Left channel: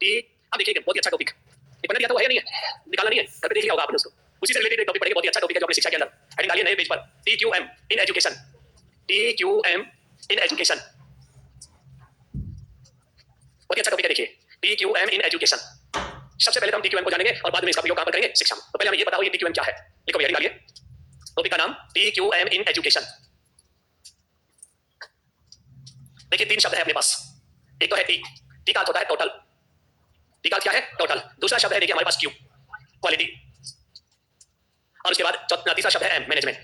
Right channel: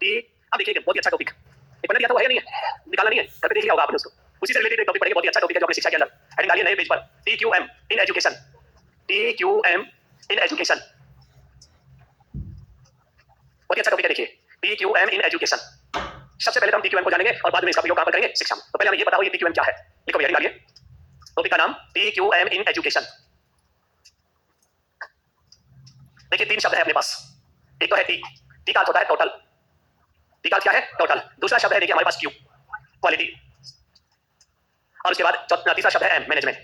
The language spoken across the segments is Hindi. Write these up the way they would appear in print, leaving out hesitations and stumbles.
टी। अब देखिए बहुत ही अच्छा टॉपिक एक बना दिया, तो वो है या नहीं है, निकालना नहीं है, घर पे देख लिया होगा आपने उसको। उसी से रिलेटेड एक टॉपिक पढ़ेंगे, बहुत ही अच्छा टॉपिक है जो अपनी शिक्षा के अंदर हेडिंग डालिए नए पेज पर, T Q M in education. T Q M in education, बहुत ही अच्छा टॉपिक है। देखिए T Q M in education, सबसे पहले तो हम टी क्यू एम को जानेंगे और बाद में इसका प्रयोग कहां पर करेंगे, शिक्षा में। तो पहले हमें ये बताओ ये टी क्यू एम क्या है। लिखो हेडिंग डालिए, टॉपिक का नाम T Q M in education. देखिए तीन शब्द है अपने पास, एक तो है टी, टी का अर्थ होता है टोटल, टी का अर्थ क्या है, टोटल। दूसरा शब्द है देखिए हमारे पास क्यू, क्वालिटी, और उसके बाद तीसरा शब्द है एम, मैनेजमेंट।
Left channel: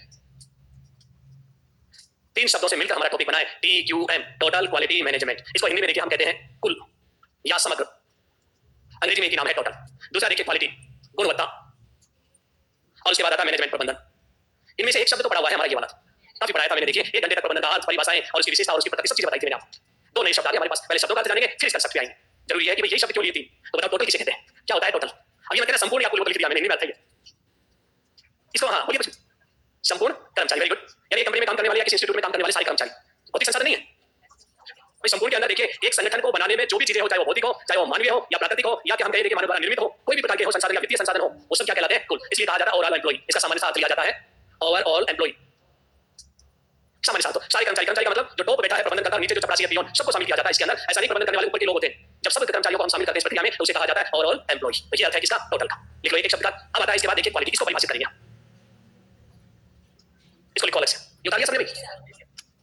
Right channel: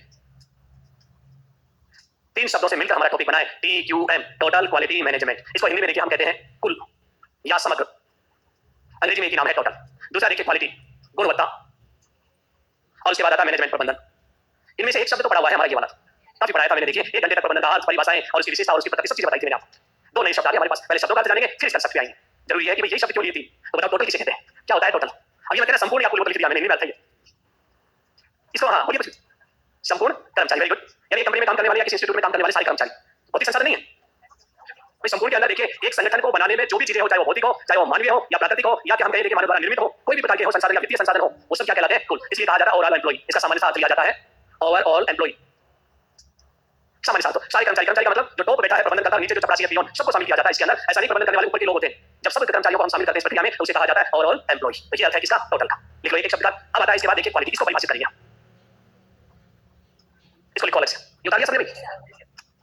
तीन शब्दों से मिलकर हमारा टॉपिक बना है T Q M, total quality management. इसको हिंदी में देखिए हम कहते हैं कुल या समग्र, अंग्रेजी में एक ही नाम है टोटल। दूसरा देखिए क्वालिटी, गुणवत्ता, और उसके बाद आता है मैनेजमेंट, प्रबंधन। इनमें से एक शब्द तो पढ़ा हुआ है हमारा ये वाला, काफी पढ़ाया था मैंने। देखिए एक घंटे तक प्रबंधन का अर्थ, परिभाषाएं और उसकी विशेषता और उसकी प्रकृति सब चीजें बताई थी मैंने आपको। दो नए शब्द आ गए हमारे पास, पहले शब्दों का अर्थ जानेंगे फिर इसका शब्द पे आएंगे। जरूरी है कि भाई यही शब्द क्यों लिए थी, तो बताओ टोटल किसे कहते हैं, क्या होता है टोटल। अब ये मैं कहना संपूर्ण आपको लिख दिया मैंने, हिंदी में अर्थ है इसको। हाँ बोलिए कुछ, संपूर्ण कर्मचारी, वेरी गुड। यानी कंपनी में काम करने वाले या किसी इंस्टीट्यूट में काम करने वाले सारे कर्मचारी, भौतिक संसाधन नहीं है। भाई संपूर्ण के अंदर देखिए एक संगठन को बनाने में जो भी चीजें हो, चाहे वो भौतिक हो, चाहे वो मानवीय हो या प्राकृतिक हो, या कि हम कहें देखिए मानव द्वारा निर्मित हो, कोई भी प्रकार के हो संसाधन या वित्तीय संसाधन हो, वो सब क्या कहलाते हैं, कुल। इसलिए कहा जाता है ओवरऑल एम्प्लॉय, इसका सामान्य अर्थ लिया जाता है ओवरऑल एम्प्लॉय। सामान्य अर्थ सारे कर्मचारी, कर्मचारी का मतलब जो टॉप बैठा है प्रबंधन करता है, नीचे जो चपरासी है पियोन, सबको शामिल किया जाता है इसके अंदर। ऐसा नहीं प्रबंधन करने वाले ऊपर के लोग होते हैं, जब सब कर्मचारियों को हम शामिल करते हैं इस प्रक्रिया में तो उसे कहा जाता है ओवरऑल एम्प्लॉय। तो ये अर्थ है किसका, टोटल का। लिख लो एक शब्द का। अब आता है इसके बाद देखिए क्वालिटी, इसको परिभाषित करेंगे, इसको लिखो अलग से। ये उतार लिया सबने भाई,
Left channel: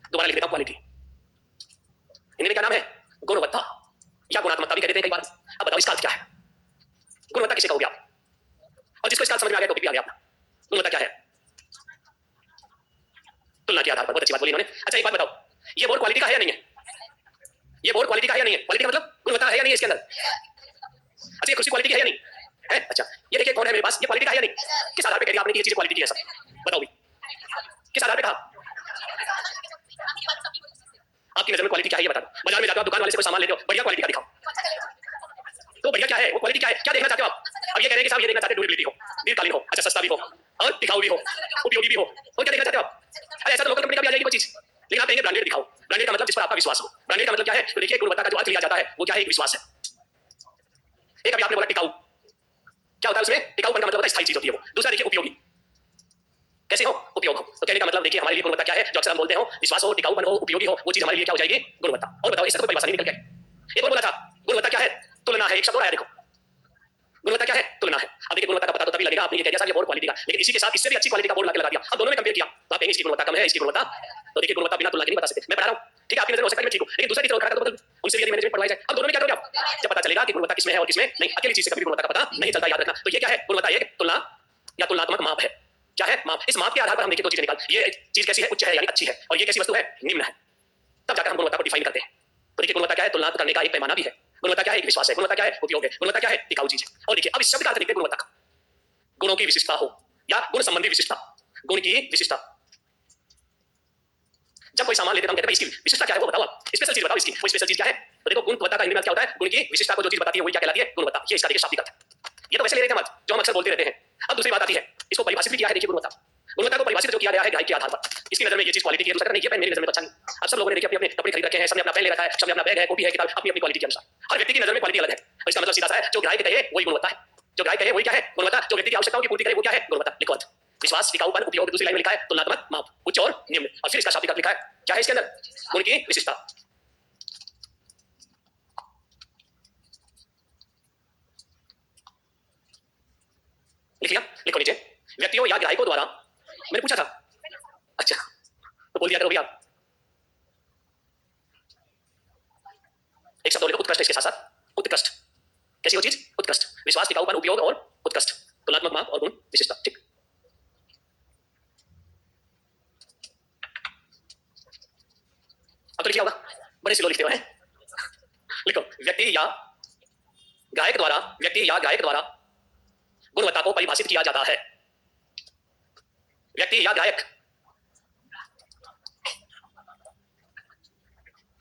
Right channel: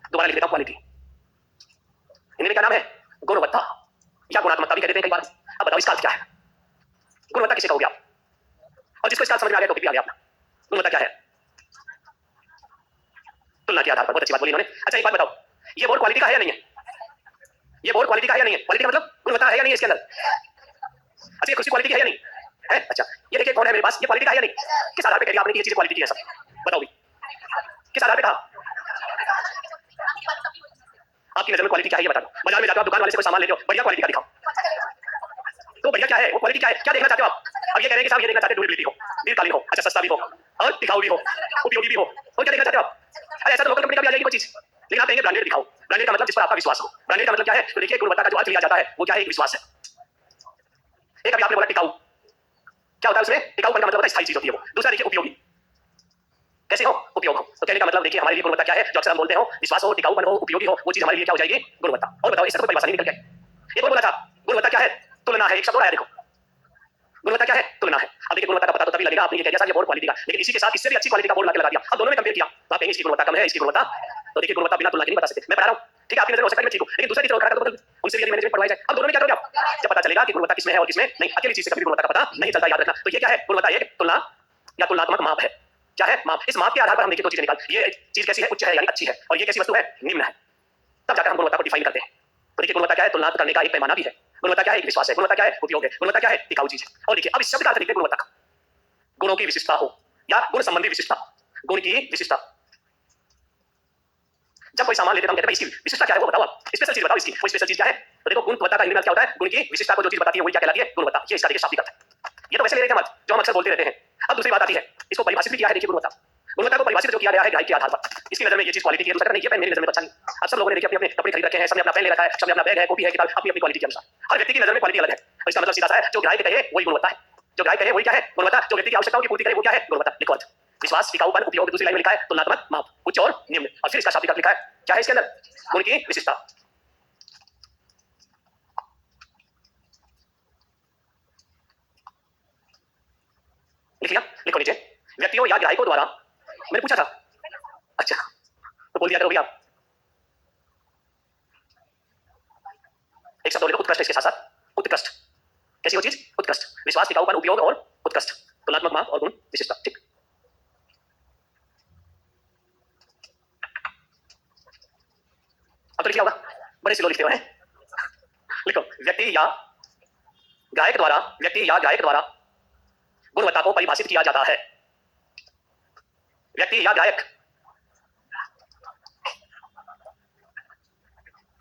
दोबारा लिख देता हूं क्वालिटी। हिंदी में क्या नाम है, गुणवत्ता या गुणात्मकता भी कह देते हैं कई बार। अब बताओ इसका अर्थ क्या है, गुणवत्ता किसे कहोगे आप, और जिसको इसका समझ में आ गया टॉपिक भी आ गया अपना। गुणवत्ता क्या है, तुलना के आधार पर। बहुत अच्छी बात बोली इन्होंने। अच्छा एक बात बताओ, ये बोर्ड क्वालिटी का है या नहीं है, ये बोर्ड क्वालिटी का है या नहीं है, क्वालिटी का मतलब गुणवत्ता है या नहीं है इसके अंदर। अच्छा ये कुर्सी क्वालिटी की है या नहीं है। अच्छा ये देखिए कौन है मेरे पास, ये क्वालिटी का है या नहीं, किस आधार पे कह दिया आपने कि ये चीज क्वालिटी की है सब, बताओ भी किस आधार पे कहा। आपकी नजर में क्वालिटी क्या है ये बता दो। बाजार में जाते हो आप, दुकान वाले से कोई सामान लेते हो, बढ़िया क्वालिटी का दिखाओ, तो बढ़िया क्या है वो क्वालिटी क्या है, क्या देखना चाहते हो आप। अब ये कह रहे हैं कि साहब ये देखना चाहते हैं ड्यूरेबिलिटी हो, दीर्घकालीन हो, अच्छा सस्ता भी हो और टिकाऊ भी हो, उपयोगी भी हो, तो क्या देखना चाहते हो आप। अरे ऐसा तो लोकल कंपनी का भी आ जाएगी वो चीज, लेकिन आप कहेंगे ब्रांडेड दिखाओ। ब्रांडेड का मतलब जिस पर आपका विश्वास हो। ब्रांडेड का मतलब क्या है, तो देखिए गुणवत्ता का जो अर्थ लिया जाता है वो क्या है, एक विश्वास है। एक अभी आपने बोला टिकाऊ, क्या होता है उसमें, टिकाऊपन का मतलब होता है स्थायी चीज होती है वो। दूसरा देखिए उपयोगी, कैसे हो, उपयोग हो। तो कहने का मतलब देखिए हमारे लिए गुणवत्ता क्या है, जो अक्सर हम बोलते हो विश्वास हो, टिकाऊपन हो, उपयोगी हो, वो चीज हमारे लिए क्या हो जाएगी, गुणवत्ता। और बताओ इसका कोई परिभाषा नहीं निकल गया। ये कौन बोला था, गुणवत्ता क्या है, तुलना है। एक शब्द और आया देखो, गुणवत्ता क्या है, तुलना है। अब देखिए गुणवत्ता का पता तो तभी लगेगा आपने ये कह दिया साहब ये बोर्ड क्वालिटी का, लेकिन इसी के साथ इससे भी अच्छी क्वालिटी का बोर्ड लाके लगा दिया, अब दोनों में कंपेयर किया तो आप कहेंगे इसकी गुणवत्ता कम है, इसकी गुणवत्ता। तो देखिए गुणवत्ता बिना तुलना के नहीं बता सकते। मैं पढ़ा रहा हूं, ठीक है आपकी नजर में हो सकता है मैं ठीक हूं, लेकिन दूसरा टीचर खड़ा कर दो, उनसे भी यदि मैनेजमेंट पढ़वाई जाए, अब दोनों में क्या करोगे आप, जब पता चलेगा कि गुणवत्ता किसमें है और किसमें नहीं। अकेली चीज से कभी गुणवत्ता का पता नहीं चलता, याद रखना। तो ये क्या है, गुणवत्ता एक तुलना या तुलनात्मक माप है। क्या है, माप। इस माप के आधार पर हम देखिए दो चीजें निकाल, ये चीज कैसी है, उच्च है यानी अच्छी है, और ये कैसी वस्तु है, निम्न है, तब जाकर हम गुणवत्ता को डिफाइन करते हैं। तो देखिए गुणवत्ता क्या है, तुलना करने का एक पैमाना भी है। गुणवत्ता क्या है, एक विश्वास है। गुणवत्ता क्या है, उपयोग है। गुणवत्ता क्या है, टिकाऊ चीज है। और देखिए अब इस शब्द का अर्थ देखते हैं गुणवत्ता का, गुणों की विशिष्टता हो या गुण संबंधी विशिष्टता, गुण की विशिष्टता। जब कोई सामान लेते हैं हम कहते हैं इसकी विशिष्टता क्या है वो बताओ आप, स्पेशल चीज बताओ इसकी, वो स्पेशल चीज क्या है। तो देखो गुणवत्ता का हिंदी में क्या होता है, गुण की विशिष्टता को जो चीज बताती है वही क्या कहलाती है, गुणवत्ता। ये इसका देखिए शाब्दिक अर्थ है। ये तो वैसे ले रहे थे हम जो हम अक्सर बोलते रहते हैं। अब दूसरी बात आती है, इसको परिभाषित भी किया है देखिए गुणवत्ता। गुणवत्ता को परिभाषित जो किया गया है ग्राहक के आधार पर, इसकी नजर में ये चीज क्वालिटी की है, दूसरा नहीं ये मेरी नजर में तो अच्छा नहीं। अब सब लोगों ने देखिए अपने अपने कपड़े खरीद रखे हैं, सबने अपना पेन ले रखा है, सबने अपना बैग है, कॉपी है, किताब, अपनी अपनी क्वालिटी के अनुसार। हर व्यक्ति की नजर में क्वालिटी अलग है। तो इसका मतलब सीधा सा है, जो ग्राहक कहे वही गुणवत्ता है, जो ग्राहक कहे वही क्या है, गुणवत्ता। जो व्यक्ति की आवश्यकताओं की पूर्ति करे वो क्या है, गुणवत्ता। लिखो अर्थ, विश्वास, टिकाऊपन, उपयोग। दूसरी लाइन में लिखा है तुलनात्मक माप, उच्च और निम्न। और फिर इसका शाब्दिक अर्थ लिखा है, क्या है इसके अंदर, गुण की विशिष्टता। लिख लिया, लिखो नीचे, व्यक्तियों या ग्राहकों द्वारा, मैंने पूछा था, अच्छा तो बोल दिया करो भैया। एक शब्द और लिखो, उत्कृष्ट। इसके साथ साथ उत्कृष्ट, कैसी हो चीज, उत्कृष्ट। विश्वास, टिकाऊपन, उपयोग और उत्कृष्ट, तुलनात्मक माप और गुण विशिष्टता। ठीक, अब तो लिखा होगा, बड़े स्लो लिखते हो हैं। लिखो, व्यक्ति या गायक द्वारा, व्यक्ति या गायक द्वारा गुणवत्ता को परिभाषित किया जाता है। व्यक्ति या गायक,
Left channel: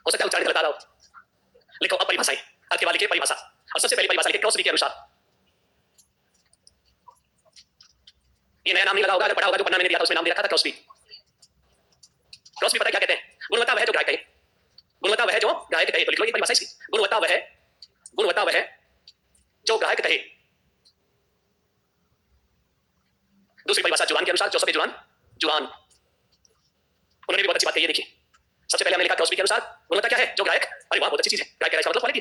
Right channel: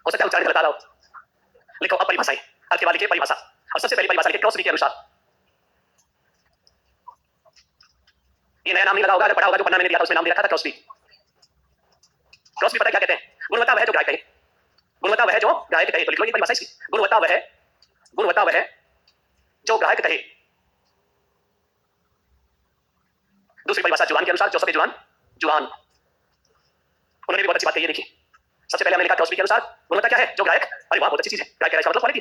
हो सकता है उच्चारण गलत आ रहा हो। लिखो अब परिभाषाएं, अर्थ के बाद लिखिए परिभाषा, और सबसे पहली परिभाषा लिखिए क्रॉसबी के अनुसार। ये नया नाम नहीं लगा होगा, अगर पढ़ा होगा जो पन्ना मैंने दिया था उसमें नाम दे रखा था क्रॉसबी। क्रॉसबी पता क्या कहते हैं, गुणवत्ता वह जो ग्राहक कहे, गुणवत्ता वह जो ग्राहक कहे। तो लिख लो ये परिभाषा इसकी, गुणवत्ता वह जो ग्राहक कहे। दूसरी परिभाषा जुरान के अनुसार, जोसेफ जुरान, जुरान उन्होंने भी बहुत अच्छी बात कही है। देखिए, सबसे पहले हमने लिखा क्रॉसबी के अनुसार गुणवत्ता क्या है? जो ग्राहक, अरे वाह बहुत अच्छी चीज है, ग्राहक कह रहा है मतलब क्वालिटी।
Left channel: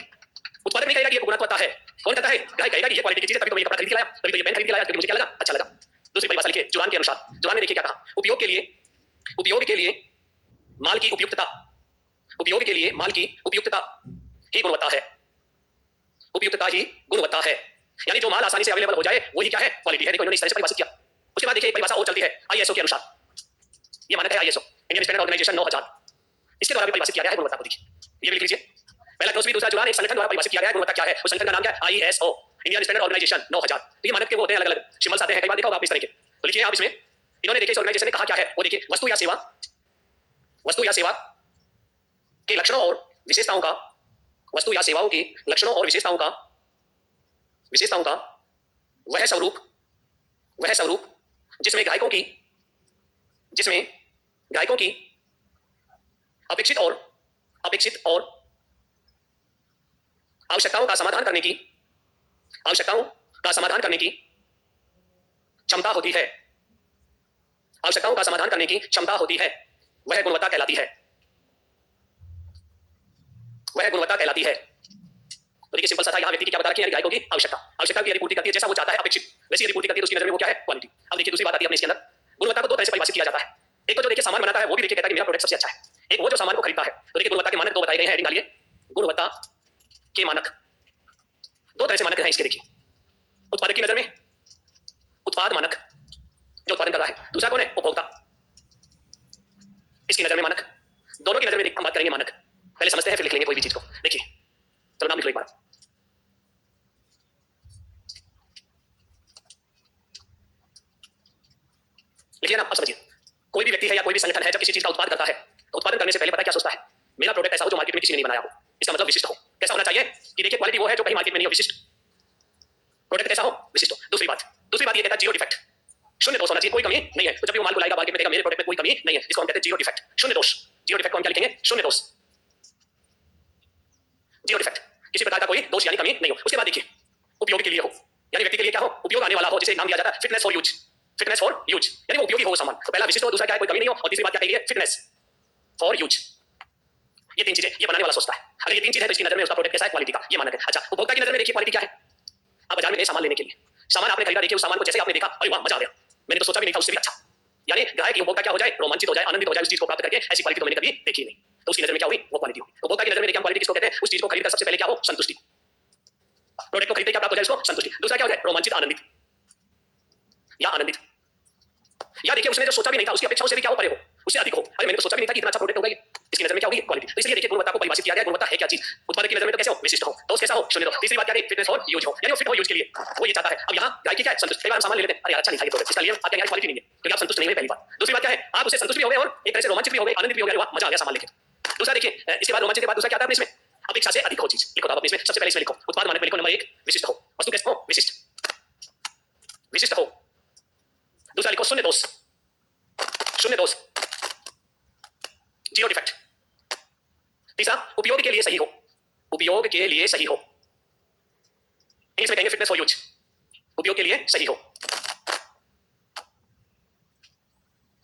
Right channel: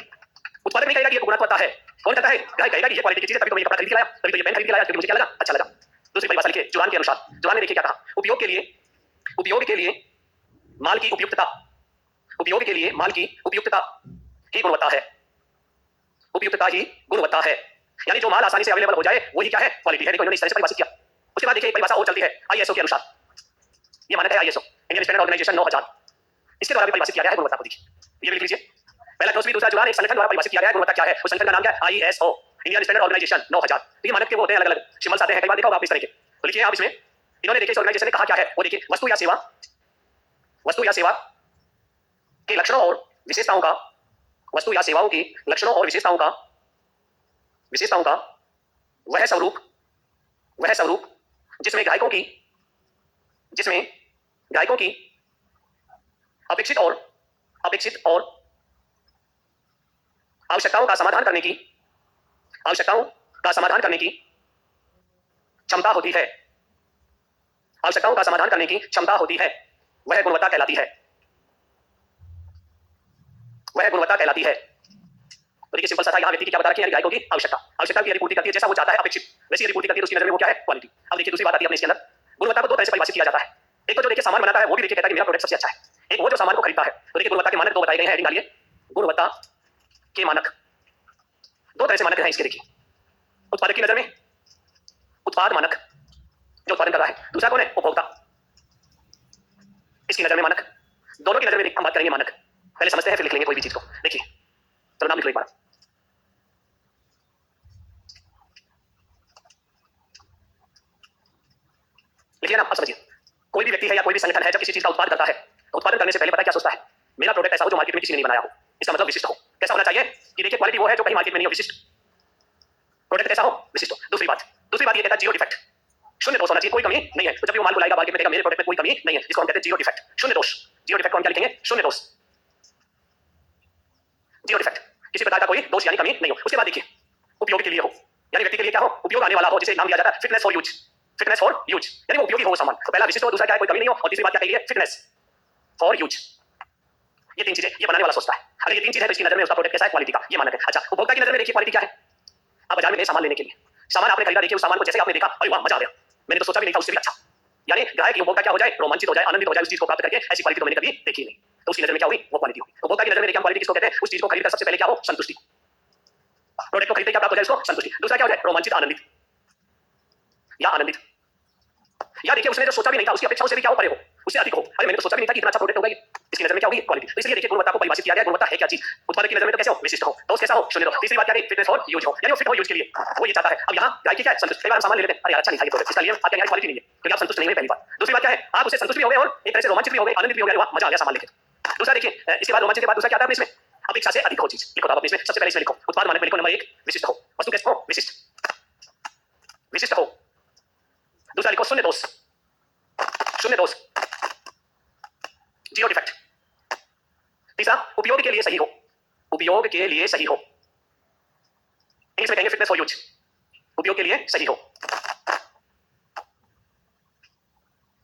उत्पादक नहीं कहेगा कि ये गुणवत्ता है, कौन कहता है? ग्राहक कहेगा कि ये क्वालिटी की चीज है, तभी तो मैं ये कपड़ा खरीद के लाया, तभी तो ये पेन खरीद के लाया, क्योंकि मुझे क्या लगा, अच्छा लगा। दूसरी परिभाषा लिखिए जुरान के अनुसार। जुरान ने देखिए क्या कहा? उपयोग के लिए माल की उपयुक्तता, उपयोग के लिए माल की उपयुक्तता ही गुणवत्ता है, उपयुक्तता ही गुणवत्ता है। यानी जो माल आसानी से अवेलेबल हो जाए वही क्या है? क्वालिटी है। देखो इन्होंने इस तरह से परिभाषित किया। उसके बाद देखिए परिभाषा और चलती है आईएसओ के अनुसार। ये मानक है आईएसओ, इंडियन स्टैंडर्ड ऑर्गेनाइजेशन 9000, इसके द्वारा भी परिभाषित किया गया है गुणवत्ता को। देखिए ये भी लिख लीजिए, पहला क्रॉसबी, दूसरा जुरान, एक संगठन द्वारा परिभाषित किया गया है गुणवत्ता क्या है। उस संगठन का नाम क्या है? ISO, Indian standard organisation 9000। तो ये मानक के वो होते हैं, अलग अलग सिंबल्स आते हैं, कई बार देखा होगा आप इस तरह के। तो लिखिए आप इसमें, इन्होंने देखिए इस ऑर्गेनाइजेशन ने कहा क्या है, वो देखिए वस्तु या सेवा के लक्षणों और विशेषताओं का, वस्तु या सेवाओं की लक्षणों और विशेषताओं का वह स्वरूप जिसमें ग्राहकों की अपेक्षित और आवश्यकताओं का समाधान करने की क्षमता होती है, वह गुणवत्ता कहलाती है। तो देखिए सिंपल सा था, यहाँ व्यक्ति की क्या बता रखी है? ग्राहकों की आवश्यकता की यदि पूर्ति करती है, जैसा वो चाहता है अपेक्षित, वैसी यदि पूर्ति करती है तो उसकी नजर में वो क्या है? क्वालिटी। अब देखिए दूसरी बात आती है अपने इसके अंदर, गुणवत्ता को दो तरह से परिभाषित किया जाता है। एक तो जो देखिए सामान बनाता है वो भी देखिए कहता है कि मेरा प्रोडक्ट सबसे अच्छा है, एक वो जो सामान को खरीदता है। तो देखिए गुणवत्ता के मानक दो बताए गए हैं, हेडिंग डालिए, गुणवत्ता के मानक। दो तरह से मानक हैं इसके। देखिए उत्पादक की नजर में उत्पाद मानक जो उत्पादन कर रहा है, दूसरा कौन है? उपभोक्ता, इसकी नजर में मानक। दोनों की नजर में हम बात करेंगे मानक। पहले समझते हैं फिर लिख लेंगे कोई भी चीज को। देखिए चलो नाम लिख लो एक बार। लिखिए ना, अब समझिए। कोई भी व्यक्ति है या कोई भी संगठन है जब किसी चीज का उत्पादन करता है तो उत्पादन करने से पहले पता क्या सोचता है? मेरा प्रोडक्ट ऐसा हो जो मार्केट में किसी ने नहीं बनाया हो। इसका मतलब विशिष्ट हो। कैसा होना चाहिए? कि देखिए क्वालिटी वो है जो कहीं मार्केट में नहीं हो, विशिष्ट। प्रोडक्ट कैसा हो? विशिष्ट हो। दूसरी बात ये कहता है जीरो डिफेक्ट, शून्य दोष होना चाहिए, कोई कमी नहीं है। तो जब भी वो माल को लाएगा मार्केट में कहेगा मेरे प्रोडक्ट में कोई कमी नहीं है, जिसको हम कहते हैं जीरो डिफेक्ट, शून्य दोष। जीरो डिफेक्ट को हम क्या लिखेंगे? शून्य दोष, जीरो डिफेक्ट, किसी प्रकार का कोई दोष यानी कमी नहीं हो। उसके बाद देखिए उपयोग के लिए हो, यानी व्यक्ति के लिए क्या हो? उपयोग आने वाला हो, जिसे नाम दिया जाता है fitness for use. Fitness for use यानी वो उपयोगी हो सामान। तो पहला विशिष्ट हो, दूसरा क्या है? कोई कमी नहीं हो, और तीसरी बात क्या कही है? Fitness for use. ये तीन चीजें ये बनाने वाला सोचता है। अगर ये तीन चीजें है तो इसकी नजर में उसका प्रोडक्ट कैसा है? क्वालिटी का, ये मानक है। अच्छा, उपभोक्ता की नजर में देखिए क्वालिटी क्या है? आप बाजार में गए सामान लेने के लिए, सामान आपने खरीदा, देखिए उस सामान को जैसे आपने देखा, अरे वाह मजा आ गया, मैंने तो सोचा भी नहीं था उससे भी अच्छा। यानी ग्राहक उपभोक्ता क्या हो जाए? रोमांचित हो जाए, आनंदित हो जाए उस चीज को प्राप्त करके, ऐसी क्वालिटी तो मैंने कभी देखी नहीं। तो उसकी नजर में क्या हुई? वो क्वालिटी हुई। उपभोक्ता की नजर में देखिए हम क्वालिटी किसको कहते हैं? उस चीज को खरीदकर सबसे पहले क्या हो? संतुष्टि। प्रोडक्ट को खरीदते क्या प्राप्त हो जाए? उसको संतुष्टि। दूसरा क्या हो जाए? रोमांचित, आनंदित या आनंदित। या देखिए उसने जो सोचा भी नहीं था उसकी अपेक्षाओं से भी क्या हो? परे हो, उससे अधिक हो। अरे मैंने तो सोचा भी नहीं था कि इतना अच्छा प्रोडक्ट होगा ये। इसकी नजर में क्या होगी? क्वालिटी। तो इसलिए देखिए गुणवत्ता को परिभाषित किया गया है। गुणवत्ता है क्या चीज? उत्पादक की नजर में तो कैसे हो? विशिष्ट हो। दोष कैसा हो? शून्य हो। तीसरी बात क्या है? फिटनेस और यूज हो, यानी वो फिट हो यूज के लिए, वो ये चाहता है। अब यहाँ ग्राहक की क्या है? संतुष्ट। कई बार हम सामान ले लेते हैं, अरे यार अच्छा नहीं था ये प्रोडक्ट, इसका लिए आपके यहाँ क्वालिटी नहीं है, क्योंकि आप संतुष्ट नहीं हुए पहली बात। दूसरी बात क्या है? आप उससे संतुष्ट भी हो गए और एक तरह से रोमांचित भी हो गए, आनंदित भी हो गए, वाह मजा आ गया सामान लेके। दूसरा देखिए इसके बाद रोमांचित के बाद दूसरा क्या आता है इसमें? अपेक्षा से अधिक हो चीज। लिखो आप इसमें, सबसे पहले इसमें लिखो उत्पाद मानक में लिखो नंबर 1 विशिष्ट हो। वस्तु कैसे हो? विशिष्ट, विशिष्ट हो। दूसरा लिखो शून्य दोष, शून्य दोष, जीरो डिफेक्ट। तीसरा उपयोग के लिए सही हो, उपयोग के लिए सही हो, इंग्लिश में कहेंगे फिटनेस फॉर यूज, उपयोग के लिए सही हो।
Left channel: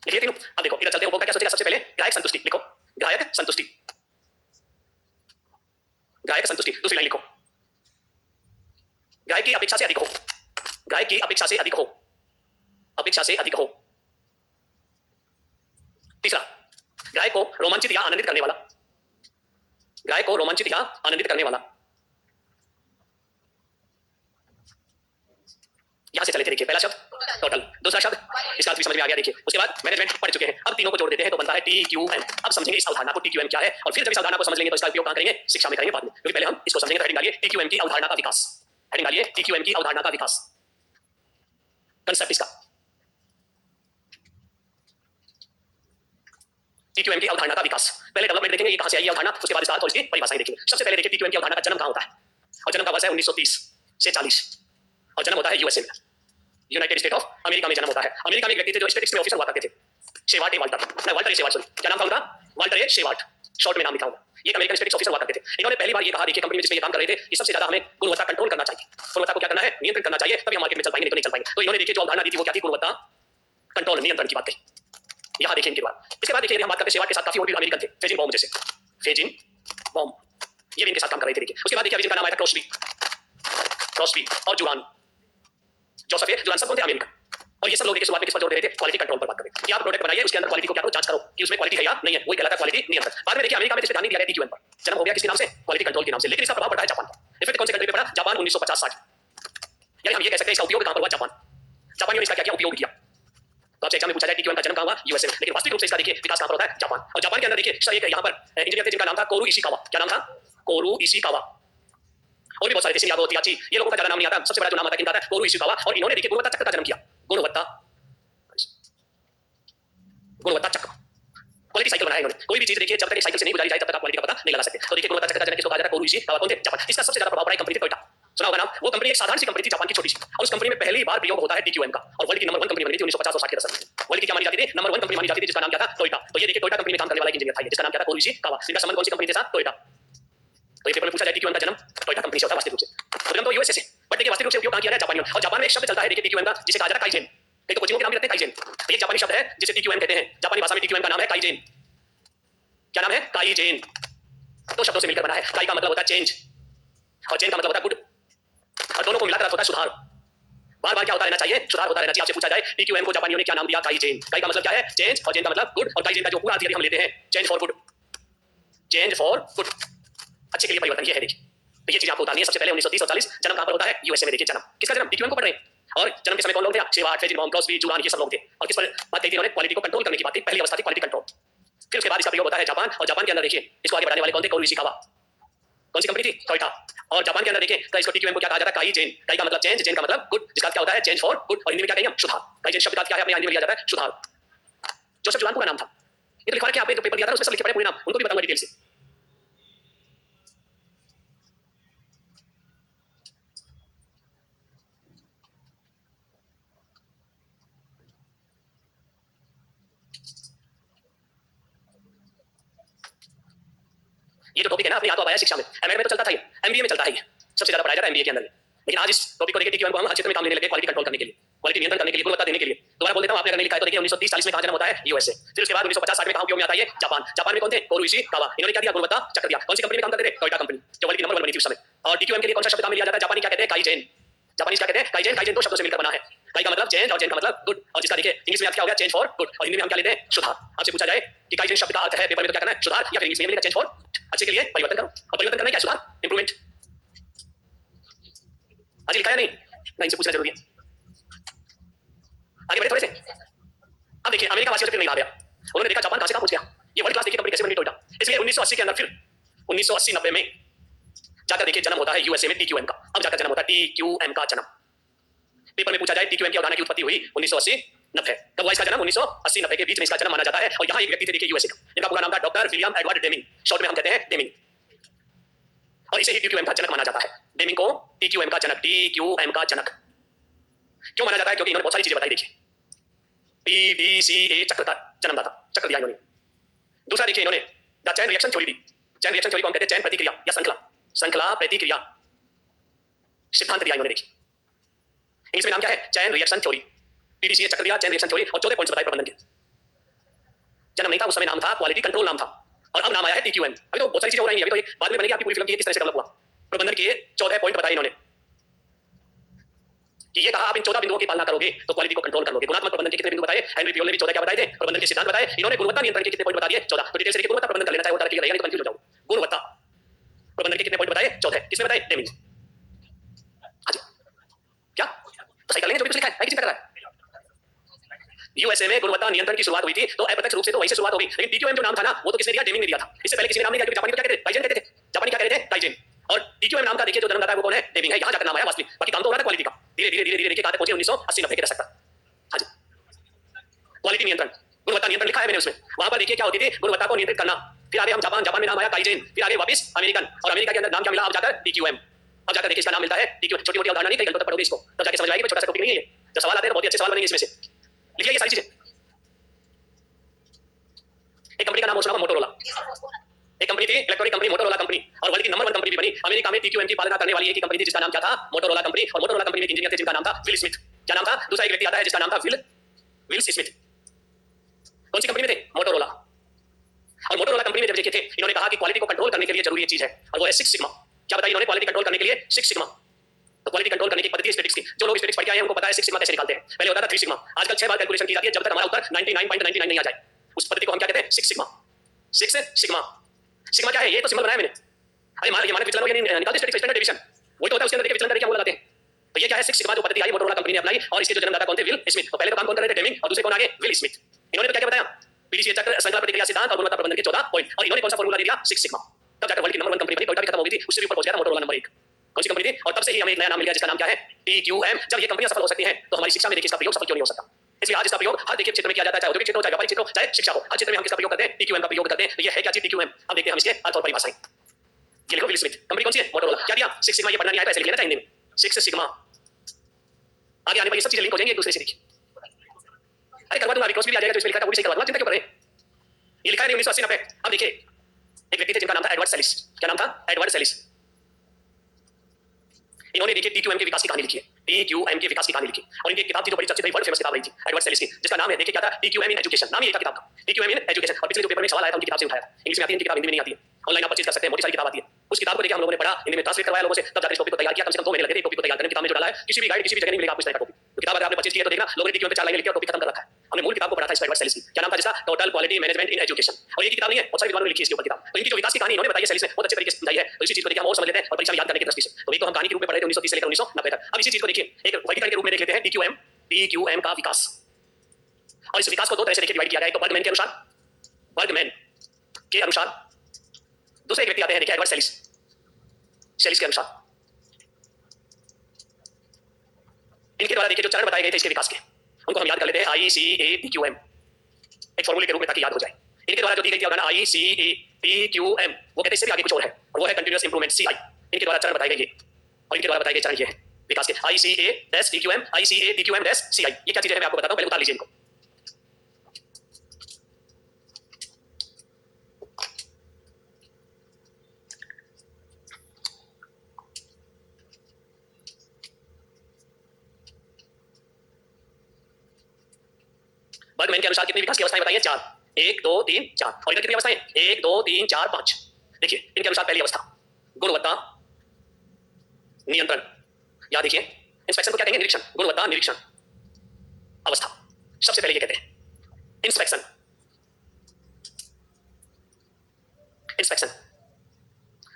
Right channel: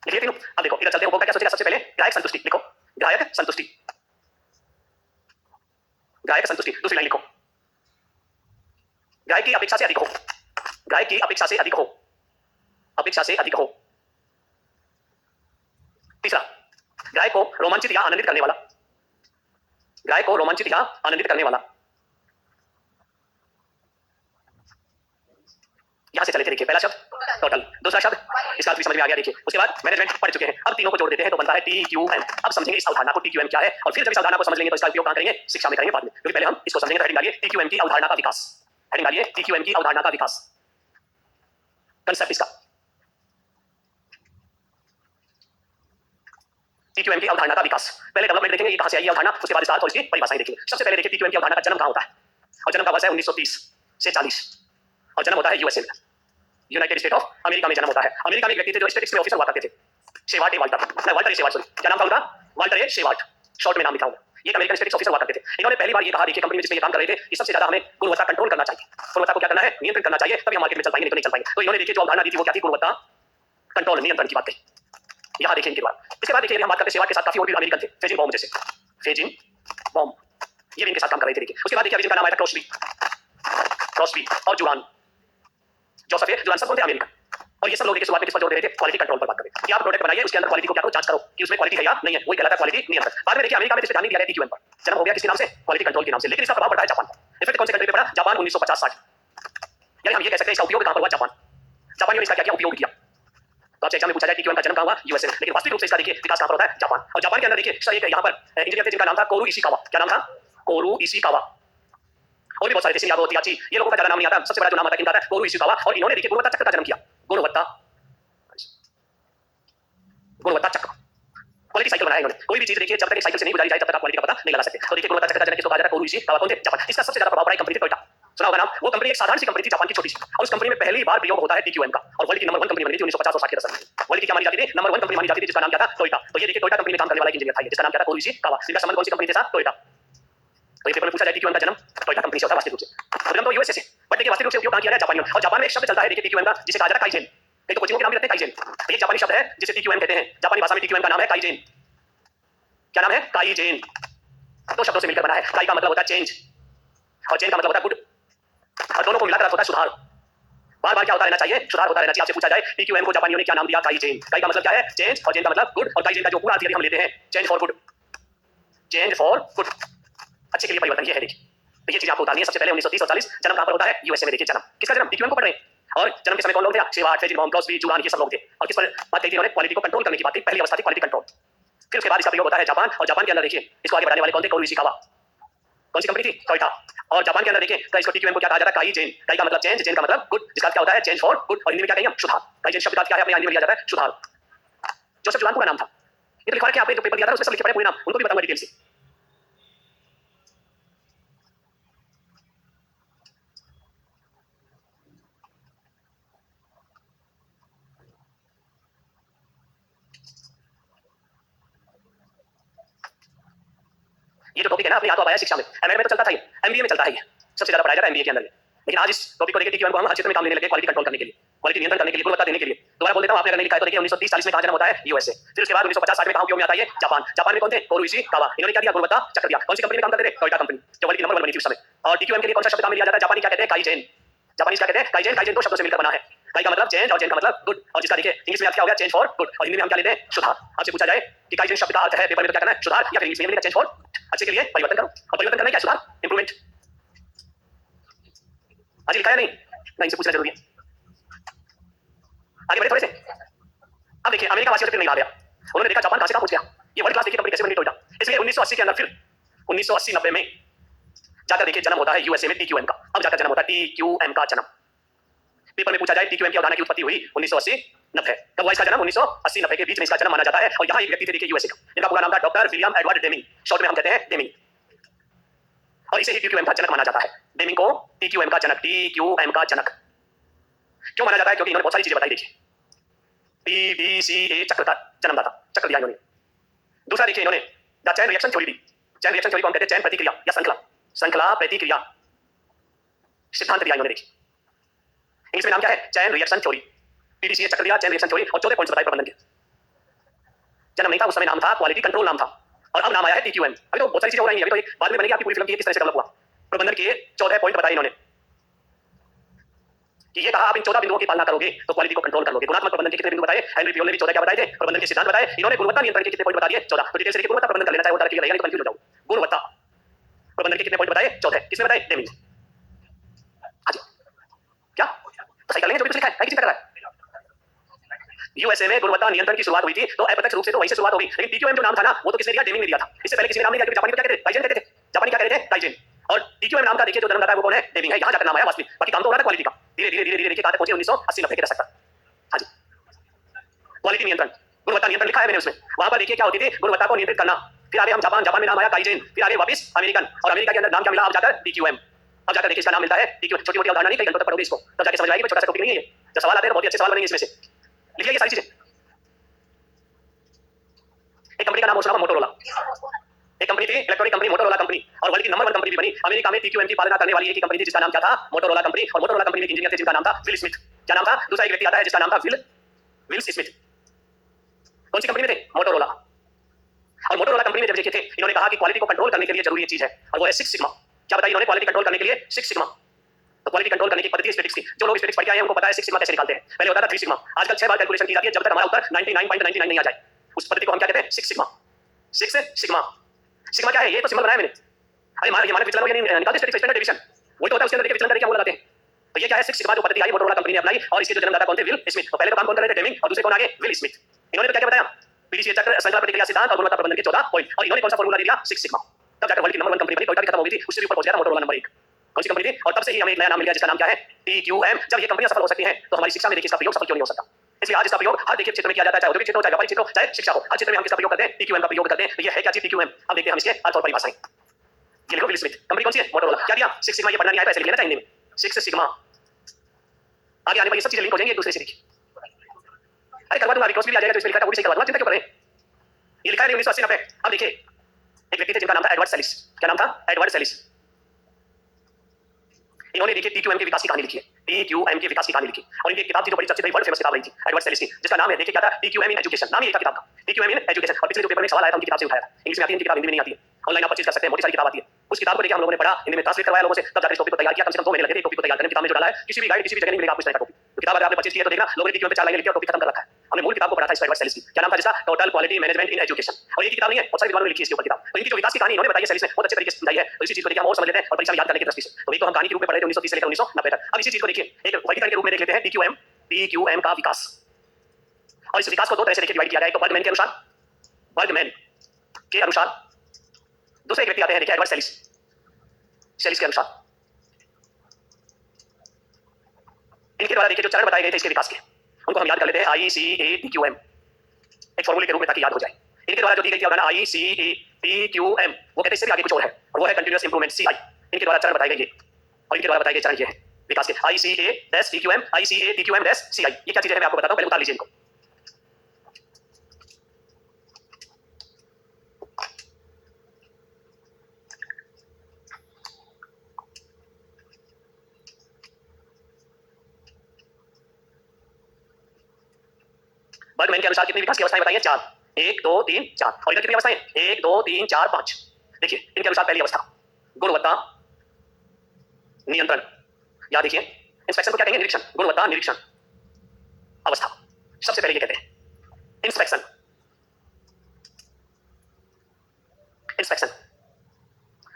लिखिए तीनों। अब देखो इधर चलते हैं। उपभोक्ता क्या सोचेगा? सबसे पहले ग्राहक संतुष्टि लिखो, ग्राहक संतुष्टि, ग्राहक संतुष्टि। दूसरी लाइन लिखो ग्राहक की अपेक्षा से अधिक हो, ग्राहक की अपेक्षा से अधिक हो, अपेक्षा से अधिक हो। तीसरा ग्राहक को रोमांचित या आनंदित करने वाला, ग्राहक को रोमांचित या आनंदित करने वाला। यहां से चले थे देखिए, पहला शब्द टोटल, दूसरा शब्द इसका अर्थ भी समझ में आ गया। देखिए उसके बाद मैनेजमेंट पढ़ चुके हैं, अब तीनों को जोड़ देते हैं तो बनता है TQM। अब समझेंगे इस अवधारणा को TQM क्या है, और फिर जब इस अवधारणा को समझ लेंगे तो इसका उपयोग कहां करेंगे? शिक्षा में करेंगे बाद में, क्योंकि पहले हम इसको समझेंगे। तो हेडिंग डालिए TQM की अवधारणा का विकास, हेडिंग डालिए TQM की अवधारणा का विकास, कंसेप्ट इसका। TQM की अवधारणा का विकास, पहले डेवलपमेंट देखेंगे ये कहां से आई अवधारणा, उसके बाद इसका अर्थ और इसकी परिभाषाएं देखेंगे। सबसे पहले देखिए TQM की अवधारणा का जन्म कहां होता है, और जन्म का वर्ष है 1930 से 40, और जन्म होता है यूएसए में, यूनाइटेड स्टेट ऑफ अमेरिका में जन्म होता है। अमेरिका में एक व्यक्ति थे जो स्टेटिस्टिक्स में ऑफिसर हुआ करते थे, शेवार्ट ए वाल्टर, नहीं वाल्टर ए शेवार्ट, सॉरी क्या नाम था उनका? वाल्टर ए शेवार्ट, शॉर्ट में नाम लिखा हूं। ये अमेरिकन स्टेटिस्टिक्स ऑफिसर हुआ करते थे। इन्होंने पहली बार ये कहा देखिए कंपनी में जिसमें ये काम कर रहे थे कि सबसे ज्यादा हमें गुणवत्ता कंट्रोल करना चाहिए। गुणवत्ता को नियंत्रित करना चाहिए तभी हम मार्केट में चल पाएंगे, नहीं तो नहीं चल पाएंगे। तो इन्होंने देखिए जो अवधारणा दी थी वो क्या थी, गुणवत्ता कंट्रोल नियंत्रण की बात कही। यहाँ देखिए इनके बाद, इसके बाद देखिए हम बात करते हैं सेवा के साथ काफी और भी अमेरिकन थे, फेजिन बॉम्ब जैसे, फेजिन बॉम्ब ये भी इनके साथ काम कर रहे थे। देखिए उसके बाद देखिए जिनका नाम आया था क्रॉसबी और जुरान जोसेफ है, जुरान सब कौन थे, अमेरिकन। और ये सब लोग देखिए शुरुआत में किस पर जोर दे रहे थे, क्वालिटी कंट्रोल पर बात कर रहे थे कि आप प्रोडक्ट बनाइए उसके अंदर क्वालिटी को क्या करो, जांच करो कि उसमें क्वालिटी है या नहीं है, वही कहलाता है क्वालिटी नियंत्रण। बाद में देखिए अमेरिका में जिस पे ध्यान दिया गया टीक्यूएम पर, जन्म हो गया किसके नाम से, क्वालिटी कंट्रोल के नाम से, लेकिन इसका प्रभाव पड़ा है जापान पर। इफेक्ट कौन से कंट्री पे पड़ा, जापान 1950-60। यानी हम ये कह सकते हैं इसका उपयोग कहां पर हुआ, जापान। जापानियों ने इसका क्या उपयोग किया। तो आपसे एग्जाम में पूछा जाए टीक्यूएम का जन्म कहां हुआ, यूएसए में, लेकिन वास्तविक रूप से इसका देखिए विकास कहां पर होता है, जापान। और जापान के अंदर देखिए एक यहां पर इंजीनियर थे जिनका नाम था कोरू इशिकावा। क्या नाम था, कोरू इशिकावा। और भी बहुत सारे थे, यादव तियाची, ये लोगों का ज्यादा नाम नहीं आता, सबसे बड़ा जो नाम आता है किनका था, कोरू इशिकावा। और इन्होंने देखिए गुणवत्ता चक्र का जन्म किया, गुणवत्ता चक्र, क्वालिटी साइकिल बनाया इन्होंने। कोई भी चीज देखिए जब तक एक साइकिल से नहीं गुजारी जाए तब तक आप क्वालिटी का पता नहीं लगा सकते। तो देखिए गुणवत्ता चक्र का जनक किसको कहा जाता है, कोरू इशिकावा। कौन थे, जापान। इसका सबसे ज्यादा प्रभाव पड़ा कंपनी थी टोयोटा, सुना होगा नाम। वो कंपनी एक साधारण सी कंपनी थी, जापान की छोटी सी, और उस कंपनी में पहली बार प्रयोग होता है टीक्यूएम का, और वर्ल्ड की नंबर 1 कंपनी बनी थी 1950 और 60 के दशक में। वर्ल्ड की क्या मानी जाती थी, नंबर 1 कंपनी मानी जाती थी, जिसका नाम क्या था, टोयोटा। तो ये देखिए टोयोटा कंपनी में काम करने वाला एक इंजीनियर था जिसका नाम क्या था, कोरू इशिकावा। इनका संबंध कौन सी कंपनी के साथ, टोयोटा। तो ये पेपर में पूछा जाए टीक्यूएम का जन्म टोयोटा कंपनी से होता है वास्तविक रूप से, उद्गम तो यूएसए से, बट देखिए वास्तविक रूप से उपयोग कहां किया गया, जापानियों। और जापान में एक शब्द चलता है देखिए टीक्यूएम का, जिसे कहा जाता है काइजेन। कई तो कोचिंगों के नाम भी रखते हैं काइजेन, तो ये जापानी शब्द है जिसे टीक्यूएम कहते हैं। जापानी भाषा में टीक्यूएम का नाम है काइजेन। क्या नाम है, काइजेन। दो शब्दों से मिलकर बना है। काई का मतलब होता है चेंज और जेन का मतलब होता है गुड, और दोनों को मिलाकर होता है सुधार। बार बार क्या होता रहना चाहिए, सुधार होता रहना चाहिए। आपसे पूछा जाए टीक्यूएम को जापानियों ने क्या नाम दिया, काइजेन। काई का मतलब क्या है, चेंज, और जेन का मतलब गुड, और काइजेन का जो पूरा अर्थ हम लेते हैं change for good, change for good, अच्छे के लिए परिवर्तन। ये है देखिए, तो ये चीज आपको उतारनी है। सबसे पहले 1930 और 40 जन्म कहां पर होता है, यूएसए में। देखिए जन्म किसका, जन्म टीक्यूएम को पढ़ रहे हैं। और जन्म के समय कौन लोग थे, शेवार्ट, फेजिन बॉम्ब, क्रॉसबी, जुरान, ये सब लोग थे। और किस पर बात कही थी इन्होंने, क्वालिटी को कंट्रोल करने की बात थी। पहली अवस्था थी क्वालिटी कंट्रोल। फिर उसके बाद इसका प्रयोग होता है जापान, और जापान के अंदर देखिए इसको आगे बढ़ाने वाले कौन थे, कोरू इशिकावा। कौन सी कंपनी थी, टोयोटा। और जापान के अंदर देखिए तो इसको टीक्यूएम को क्या कहा जाता है, काइजेन। काई का मतलब चेंज, जेन का मतलब गुड, जिसका क्या होता है चेंज फॉर गुड, और हिंदी में क्या कहेंगे हम, सुधार। काइजेन शब्द का क्या है, अपने हिंदी में लिया जाता है सुधार। जोसेफ जुरान पूरा नाम था। ये तो लिखा है कि आपने जो पेपर दिया था उसमें सब लिखे पड़े पूरे नाम, उनको भी बताऊंगा डिटेल से। ये जो टॉपिक है ना अपने यहाँ तो आया शिक्षा में, एमए में तो चलता था, ये एमबीए में चलता है, ये सबसे ज्यादा पढ़ाया जाता है एमबीए के अंदर। लेकिन आज इस टॉपिक को देखिए टीक्यूएम को हम हर क्षेत्र में काम लेने लगे, क्वालिटी कंट्रोल करने के लिए, क्वालिटी नियंत्रण करने के लिए, गुणवत्ता देने के लिए। दोबारा बोल देता हूं, आपने अगर नहीं लिखा है तो देखिए 1930-40 में कहां जन्म होता है, यूएसए। फिर उसके बाद 1950-60 में कहां उपयोग में आता है, ये जापान। जापान में कौन थे, कोरू इशिकावा। इन्होंने क्या दिया, गुणवत्ता चक्र दिया। कौन सी कंपनी में काम करते थे, टोयोटा कंपनी, जो वर्ल्ड की नंबर 1 बनी थी उस समय। और टीक्यूएम के लिए कौन सा शब्द काम में लिया जाता है, जापानी क्या कहते हैं, काइजेन। जापानी क्या कहते हैं, काइजेन। काइजेन दो शब्दों से मिलकर बना है, काई का मतलब चेंज और जेन का मतलब गुड, और जिसका देखिए इंग्लिश में क्या हो गया, चेंज फॉर गुड, और हिंदी में हम क्या लेते हैं, सुधार। आपसे पूछा जाए कि काइजेन शब्द का अर्थ है पेपर में तो क्या करना है, सुधार, या फिर इंग्लिश में मिलेगा चेंज फॉर, अच्छे के लिए परिवर्तन करो। और परिवर्तन करना क्या, सुधार, इंप्रूवमेंट। आज लिखा है नहीं, नहीं इनसे पूछना जरूरी है। आगे बढ़े थोड़े से। अब देखिए अमेरिका वासियों से फिर नहीं रहा गया, उन्होंने देखा जापान कहां से कहां पहुंच गया। ये वर्ल्ड क्लास देखिए कंपनी कैसे बनी, टोयोटा। इसलिए 1980 के अंदर फिर 1980-90 में जाकर देखिए जन्म होता है यूएसए में टीक्यूएम का। अब जाकर जन्म होता है टीक्यूएम का जन्म। पेपर में पूछा जाए टीक्यूएम की अवधारणा की उत्पत्ति हुई 1980-90। कब हुआ इसका जन्म, 1980-90 के बीच में इसका जन्म माना जाता है। और यहाँ एक व्यक्ति थे देखिए यूएसए का, जिनका पूरा नाम था doctor William Edward Deming, short में हम कहते हैं डेमिंग, और इसे ही टीक्यूएम का जनक माना जाता है। डेमिंग को टीक्यूएम का जनक, टीक्यूएम का जनक क्यों माना जाता है, क्योंकि इन्होंने बहुत सारी चीजें बताई। देखिए पीडीसीए चक्र का जन्मदाता, चक्र दिया इन्होंने। दूसरा देखिए इन्होंने the chain reaction theory the. Chain reaction theory को हम कहते हैं चैन प्रतिक्रिया या श्रृंखला, श्रृंखला प्रतिक्रिया सिद्धांत दिया इन्होंने। देखिए इंग्लिश में नाम क्या है, चैन रिएक्शन थ्योरी। पीडीसीए चक्र दिया, चैन रिएक्शन थ्योरी, और 14 पॉइंट्स बताए प्रबंधन के। जन्म नहीं था उस समय, नाम था क्वालिटी कंट्रोल नाम था, और अब नाम आया है टीक्यूएम। अभी तो बहुत सारी चीजें हो रही हैं, अभी तो बाद में बनेगी आपकी पूरी फिल्म की किस तरह से डेवलप हुआ। प्रबंधन के 14 पॉइंट बताए इन्होंने कि ये कहा आप इन 14 बिंदुओं की पालना करोगे तो क्वालिटी को कंट्रोल कर लोगे। गुणात्मक प्रबंधन के कितने बिंदु बताए, हेनरी पियोल ने भी 14 क्या बताए थे, प्रबंधन के सिद्धांत बताए। इन्होंने गुणवत्ता नियंत्रण के कितने पॉइंट बता दिए, 14। तो डिटेल से देखिए, गुणवत्ता प्रबंधन कर लेना चाहिए, होता है नहीं तो कंफ्यूज हो जाओ। गुणवत्ता प्रबंधन के कितने पॉइंट बताए, 14। किसने बताए, डेमिंग। हां जी, क्या तो सही कर लेंगे, जो भी कुछ लिखा है किसी तरह है। यूएसए में गुणवत्ता नियंत्रण की शुरुआत हुई थी, तो अप्रत्यक्ष रूप से तो वहीं से शुरुआत होगी। लेकिन टीक्यूएम जो नाम था ना, वो तो किसने दिया, डेमिंग ने दिया था। इससे पहले किसी ने नाम नहीं दिया, क्योंकि जापानी को क्या कहते थे, काइजेन कहते थे। जापानी क्या कहते थे, काइजेन। और टीक्यूएम नाम का देखिए जो जन्मदाता है वो कौन है, डेमिंग है। यहाँ जाकर नाम आया वास्तविक, बाकी काम तो हो रहा था क्वालिटी का। धीरे धीरे धीरे धीरे देखिए कहां तक पहुंचे, 1980-90 के दशक तक। हाँ जी, क्वालिटी नियंत्रण, गुणवत्ता नियंत्रण लिखा है मैंने उसमें। वहां पर देखिए क्या होती थी, गुणवत्ता को नियंत्रित करना। फिर आगे हम जापान, जापान में नाम आया काइजेन, फिर आगे वापस अमेरिकन, और अमेरिका के अंदर नाम क्या मिला, अब जाकर टीक्यूएम। अब जाकर देखिए इसका नाम मिलता है टीक्यूएम। छोटी मोटी अवधारणा नहीं, कई घंटों तक पढ़ोगे इसको तब जाके समझ आएगी, छोटा सा टॉपिक नहीं है ये। जब सवाल आते हैं तो बहुत ही अच्छे सवाल बनेंगे इसमें से, लिखिए ये सारी चीजें। एक कंपनी का नाम और सुना, मोटोरोला। एक कंपनी थी इलेक्ट्रॉनिक कंपनी मोटोरोला कंपनी, और वर्ल्ड की नंबर 1 कंपनी भी बनी। अमेरिका में टीक्यूएम की पालना करने वाली एक ही कंपनी थी जिसका नाम क्या था? Motorola company. और मोटोरोला कंपनी में एक इंजीनियर थे जिनका नाम था विल स्मिथ। क्या नाम था? दूसरा एक व्यक्ति आता है जिसका नाम था विल स्मिथ। कौन सी कंपनी में थे? मोटोरोला। और मोटोरोला कंपनी में जब देखे थे, इन्होंने कहा कि क्वालिटी को कंट्रोल करने के लिए जरूरी एक चीज है, और वो है 6 सिग्मा। क्या बताया इन्होंने? क्वालिटी कंट्रोल करने के लिए 6 सिग्मा। तो क्वालिटी कंट्रोल करने की पद्धति स्टैटिस्टिक्स की, जो लोग स्टैटिस्टिक्स पढ़ के आए हैं उनको पता है 6 सिग्मा कैसे निकालते हैं। पहले होता था 3 सिग्मा, आजकल 6 बार कैलकुलेशन की जाती है जब तक हमारा उत्तर 99.99 नहीं आ जाए। उस पद्धति को हम क्या कहते हैं? 6 सिग्मा। 6 सिग्मा। सिग्मा क्या है? ये तो सिंबल बनाया मैंने। अरे ये मानक विचलन हो, यानी निकालते स्टैटिस्टिक्स स्टैंडर्ड डेविएशन, वही तो होता है। उसके अंदर देखिए विचलन करके क्या वो लगाते हैं। तो ये क्या है? 6 सिग्मा जो पद्धति आई मोटोरोला कंपनी ने अपनाई, और इसके जो जन्मदाता कौन थे? Will Smith. तो पहले तो काम कौन कर रहे थे? डेमिंग, और दूसरे कौन आगे? Will Smith. इन्होंने तो क्या बताया? पीडीसी चक्र, श्रृंखला प्रतिक्रिया सिद्धांत और गुणवत्ता प्रबंधन के 14 पॉइंट, और इन्होंने कौन सा फार्मूला दिया? 6 सिग्मा। तब जाकर वर्ल्ड की नंबर 1 कंपनी बनी। टोयोटा भी खत्म हो गई थी, उससे भी ऊपर पहुंच गया था मोटोरोला नंबर 1। कौन सी कंपनी थी? और तब से ही हमें एक नया नाम मिल गया जिसका नाम क्या है? टीक्यूएम। जब ये कंपनियां सफल हो सकती हैं तो हमारी शिक्षा में देखिए इसका प्रयोग सफल क्यों नहीं हो सकता? इसलिए आज इसका प्रयोग हर देखिए क्षेत्र में किया जाता है, चाहे औद्योगिक क्षेत्र हो, चाहे व्यापारिक क्षेत्र हो, चाहे शिक्षा हो, हर क्षेत्र में हम किसका प्रयोग करते हैं? टीक्यूएम का प्रयोग करते हैं। तो ये है क्या चीज? टीक्यूएम। अब देखते हैं हम इसके अर्थ और परिभाषाएं। ये लिखो, विल स्मिथ। कंपनी कौन सी है? मोटोरोला। क्या दिया? 6 सिग्मा। ये पढ़ना नहीं आया तो ऐसे लिख लेना चाहिए हिंदी में, 6 सिग्मा। आगे आने पर ये सब चीजें लिंक हो जाएंगी एक दूसरे से। देखिए, अरे करवा दूंगा, क्रॉस भी आ जाएगा, जो इसमें लिखा था वो भी सही करवा दूंगा, चिंता क्यों करें? ये लिखा है 1980-90। अब देखिए, एक व्यक्ति थे जिनका नाम था एडवर्ड सेलिस। क्या नाम था? एडवर्ड सेलिस। इन्होंने देखिए टीक्यूएम के विकास की कहानी लिखी है। टीक्यूएम के विकास की कहानी लिखी, और इनकी किताब थी जो बड़ी चर्चित रही, वर्ल्ड फेमस किताब रही थी एडवर्ड सेलिस की, जिसका नाम है देखिए क्या था? TQM in education. नाम ही एक किताब का, टीक्यूएम इन एजुकेशन। और पिछले जो पेपर में सवाल आया था उनकी किताब से उठाया था। इंग्लिश में आती है इनकी किताब, हिंदी में नहीं आती है। ऑनलाइन आप परचेज कर सकते हैं, मोटी सारी किताब आती है। उस किताब को देखिए हम लोगों ने पढ़ा, हिंदी में ट्रांसलेट करवाया लोगों से, तब जाकर इस टॉपिक को तैयार किया। कम से कम 2 महीने लगे थे टॉपिक को तैयार करने। किताब में जो डाला है किसी भी गाइड, किसी भी जगह नहीं मिलेगा आपको इस तरह का टॉपिक। तो किताब अगर आपने परचेज किया तो देखना, लोगों ने टीक्यूएम पे 4 लाइनें लिखी और टॉपिक खत्म कर रखा है। हमने मूल किताब को पढ़ा था एडवर्ड सेलिस की। क्या नाम था जिसका? Total quality management in education. और ये किताब नहीं है, बहुत सारे विद्वानों ने लिखी है इसके ऊपर किताब। तो इनकी जो विकास की कहानी इन्होंने बताई है सेलिस ने, बहुत अच्छे तरीके से समझाई है। तो इसी चीज को देखिए हम और समझ लेते हैं और परीक्षा में याद करने की दृष्टि से। तो एक तो हम कहानी के रूप में पढ़ रहे थे 1930 से लेकर 1990 तक। अब इसी चीज को देखिए एक वर्गीकरण के रूप में देख लेते हैं। टीक्यूएम का विकास, और इस विकास को 2 तरह से देखिए डिवाइड किया गया है। एक तो बर्गमैन के अनुसार, बर्गमैन के अनुसार। दूसरे एक व्यक्ति आते हैं देखिए एडवर्ड सेलिस, सेलिस के अनुसार। इनके द्वारा देखिए जो चरण बताए गए थे इसके विकास के, उनको हम याद कर लेते हैं ICATQM एक फॉर्मूले के रूप में, ताकि याद हो जाए। इनके द्वारा जो दी गई थी अवधारणा ICATQM, वो कहते हैं इससे भी आगे कुछ और है, और वो है कंटीन्यूअस इंप्रूवमेंट CI। इनके द्वारा चरण बताए गए ये, और इनके द्वारा बताए गए चरण ये है विकास के, ICATQM, ICATQM-CI। ये क्या चीजें हैं मैं आपको बताता हूं, पहले उतार लीजिए इनको। बर्गमैन के अनुसार कितनी विकास की अवस्थाएं बताइए? 4। 1 2 3 4। और इधर कितनी अवस्थाएं? 1 2 3 4 5। देखिए इनके अनुसार पहली अवस्था गुणवत्ता नियंत्रण। याद देखिए, इंस्पेक्शन को क्या कहेंगे? निरीक्षण। गुणवत्ता निरीक्षण अवस्था सबसे पहले ये कहते हैं। इंस्पेक्शन, इंस्पेक्शन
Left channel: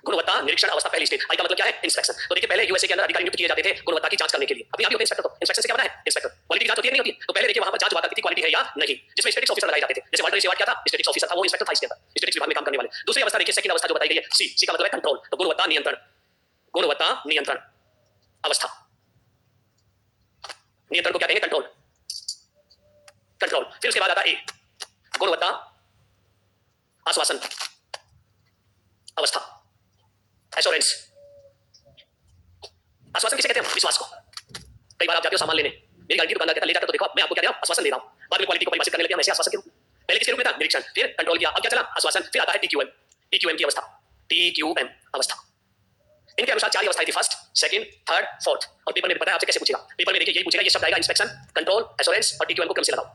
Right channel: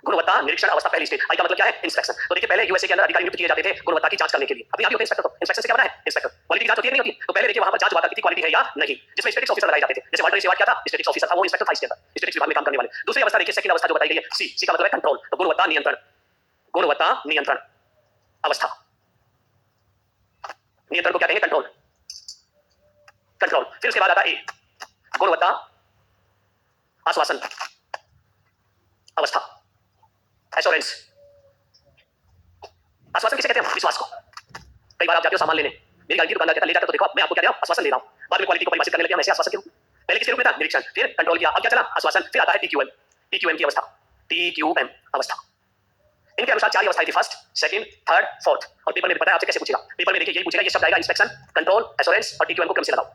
गुणवत्ता निरीक्षण अवस्था पहली स्टेज। आई का मतलब क्या है? इंस्पेक्शन। तो देखिए पहले यूएसए के अंदर अधिकारी नियुक्त किए जाते थे गुणवत्ता की जांच करने के लिए। अभी आप होते हैं इंस्पेक्टर, तो इंस्पेक्शन से क्या बना है? इंस्पेक्टर। क्वालिटी की जांच होती है नहीं होती? तो पहले देखिए वहां पर जांच हुआ करती थी क्वालिटी है या नहीं, जिसमें स्टैटिक्स ऑफिसर लगाए जाते थे। जैसे वाल्टर सेवाट क्या था? स्टैटिक्स ऑफिसर था, वो इंस्पेक्टर था इसके अंदर, स्टैटिक्स विभाग में काम करने वाले। दूसरी अवस्था देखिए, सेकंड अवस्था जो बताई गई है सी का मतलब है कंट्रोल। तो गुणवत्ता नियंत्रण, गुणवत्ता नियंत्रण अवस्था। नियंत्रण को क्या कहेंगे? Control, control. फिर उसके बाद आता ए गुणवत्ता आश्वासन अवस्था, एश्योरेंस। आश्वासन किसे कहते हैं? विश्वास को। कई बार आप जाते हो सामान लेने, मेरी गाड़ी की दुकानदार कहता है ले जाकर तो देखो मैं आपको क्या दे रहा हूं? आश्वासन दे रहा हूं। बाद में क्वालिटी को परिभाषित करने लगते हैं हम ऐसे आश्वासन के रूप में। पहले किसके रूप में था? निरीक्षण, फिर कंट्रोल किया, अब क्या चला? आश्वासन। फिर आता है टीक्यूएम, टीक्यूएम की अवस्था, टीक्यूएम अवस्था। इनके अनुसार 4 अवस्थाएं थी, फर्स्ट, सेकंड, थर्ड, फोर्थ। और पेपर में पता है आपसे कैसे पूछेगा? पेपर में देखिए यही पूछेगा, ये शब्द आएगा इंस्पेक्शन, कंट्रोल, एश्योरेंस और टीक्यूएम को क्रम से लगाओ।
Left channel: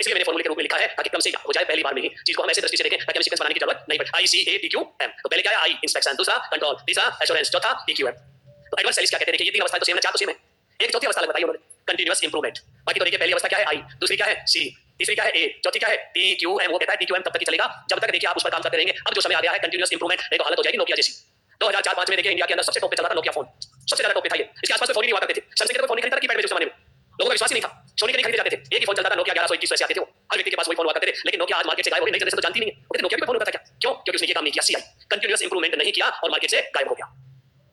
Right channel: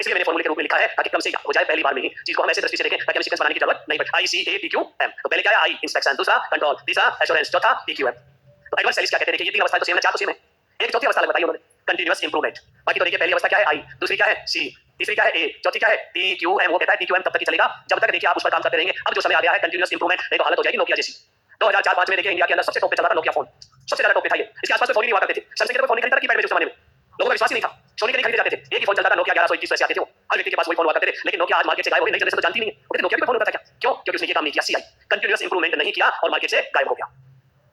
इसलिए मैंने फॉर्मूले के रूप में लिखा है ताकि क्रम से हो जाए पहली बार में ही चीज को हम ऐसे दृष्टि से देखें, ताकि हमें सीक्वेंस बनाने की जरूरत नहीं पड़े। ICATQM। तो पहले क्या है? आई इंस्पेक्शन, दूसरा कंट्रोल, तीसरा एश्योरेंस, चौथा टीक्यूएम। तो एडवर्ड सेलिस क्या कहते हैं? देखिए ये 3 अवस्थाएं तो सेम है, 4 तो सेम है। एक चौथी अवस्था बताई उन्होंने, कंटीन्यूअस इंप्रूवमेंट। बाकी तो देखिए पहली अवस्था क्या है? आई, दूसरी क्या है? सी, तीसरी क्या है? ए, चौथी क्या है? टीक्यूएम। वो कहता है टीक्यूएम तब तक ही चलेगा जब तक देखिए आप उस पर काम करते रहेंगे। अब जो समय आ गया है कंटीन्यूअस इंप्रूवमेंट, एक हालत हो जाएगी नोकिया जैसी। 2004-5 में देखिए इंडिया के अंदर सबसे टॉप पे चल रहा था नोकिया फोन, सबसे ज्यादा टॉप पे था ये। इसके आसपास फोन ही नहीं हुआ करते थे। सैमसंग के तो फोन नहीं खरीदा कीपैड में उस जमाने में, लोगों का विश्वास ही नहीं था, सोनी के नहीं खरीदे जाते थे। एक ही फोन चलता था नोकिया 1121 से आते थे वो, हर व्यक्ति के पास वही फोन हुआ करते थे। लेकिन नोकिया आज मार्केट से गायब हो गई, नई जनरेशन तो जानती नहीं है। वो नोकिया भी फोन होता था क्या? क्यों? क्योंकि उसने ये काम नहीं किया, CI कंटीन्यूअस इंप्रूवमेंट नहीं किया और मार्केट से गायब हो गया।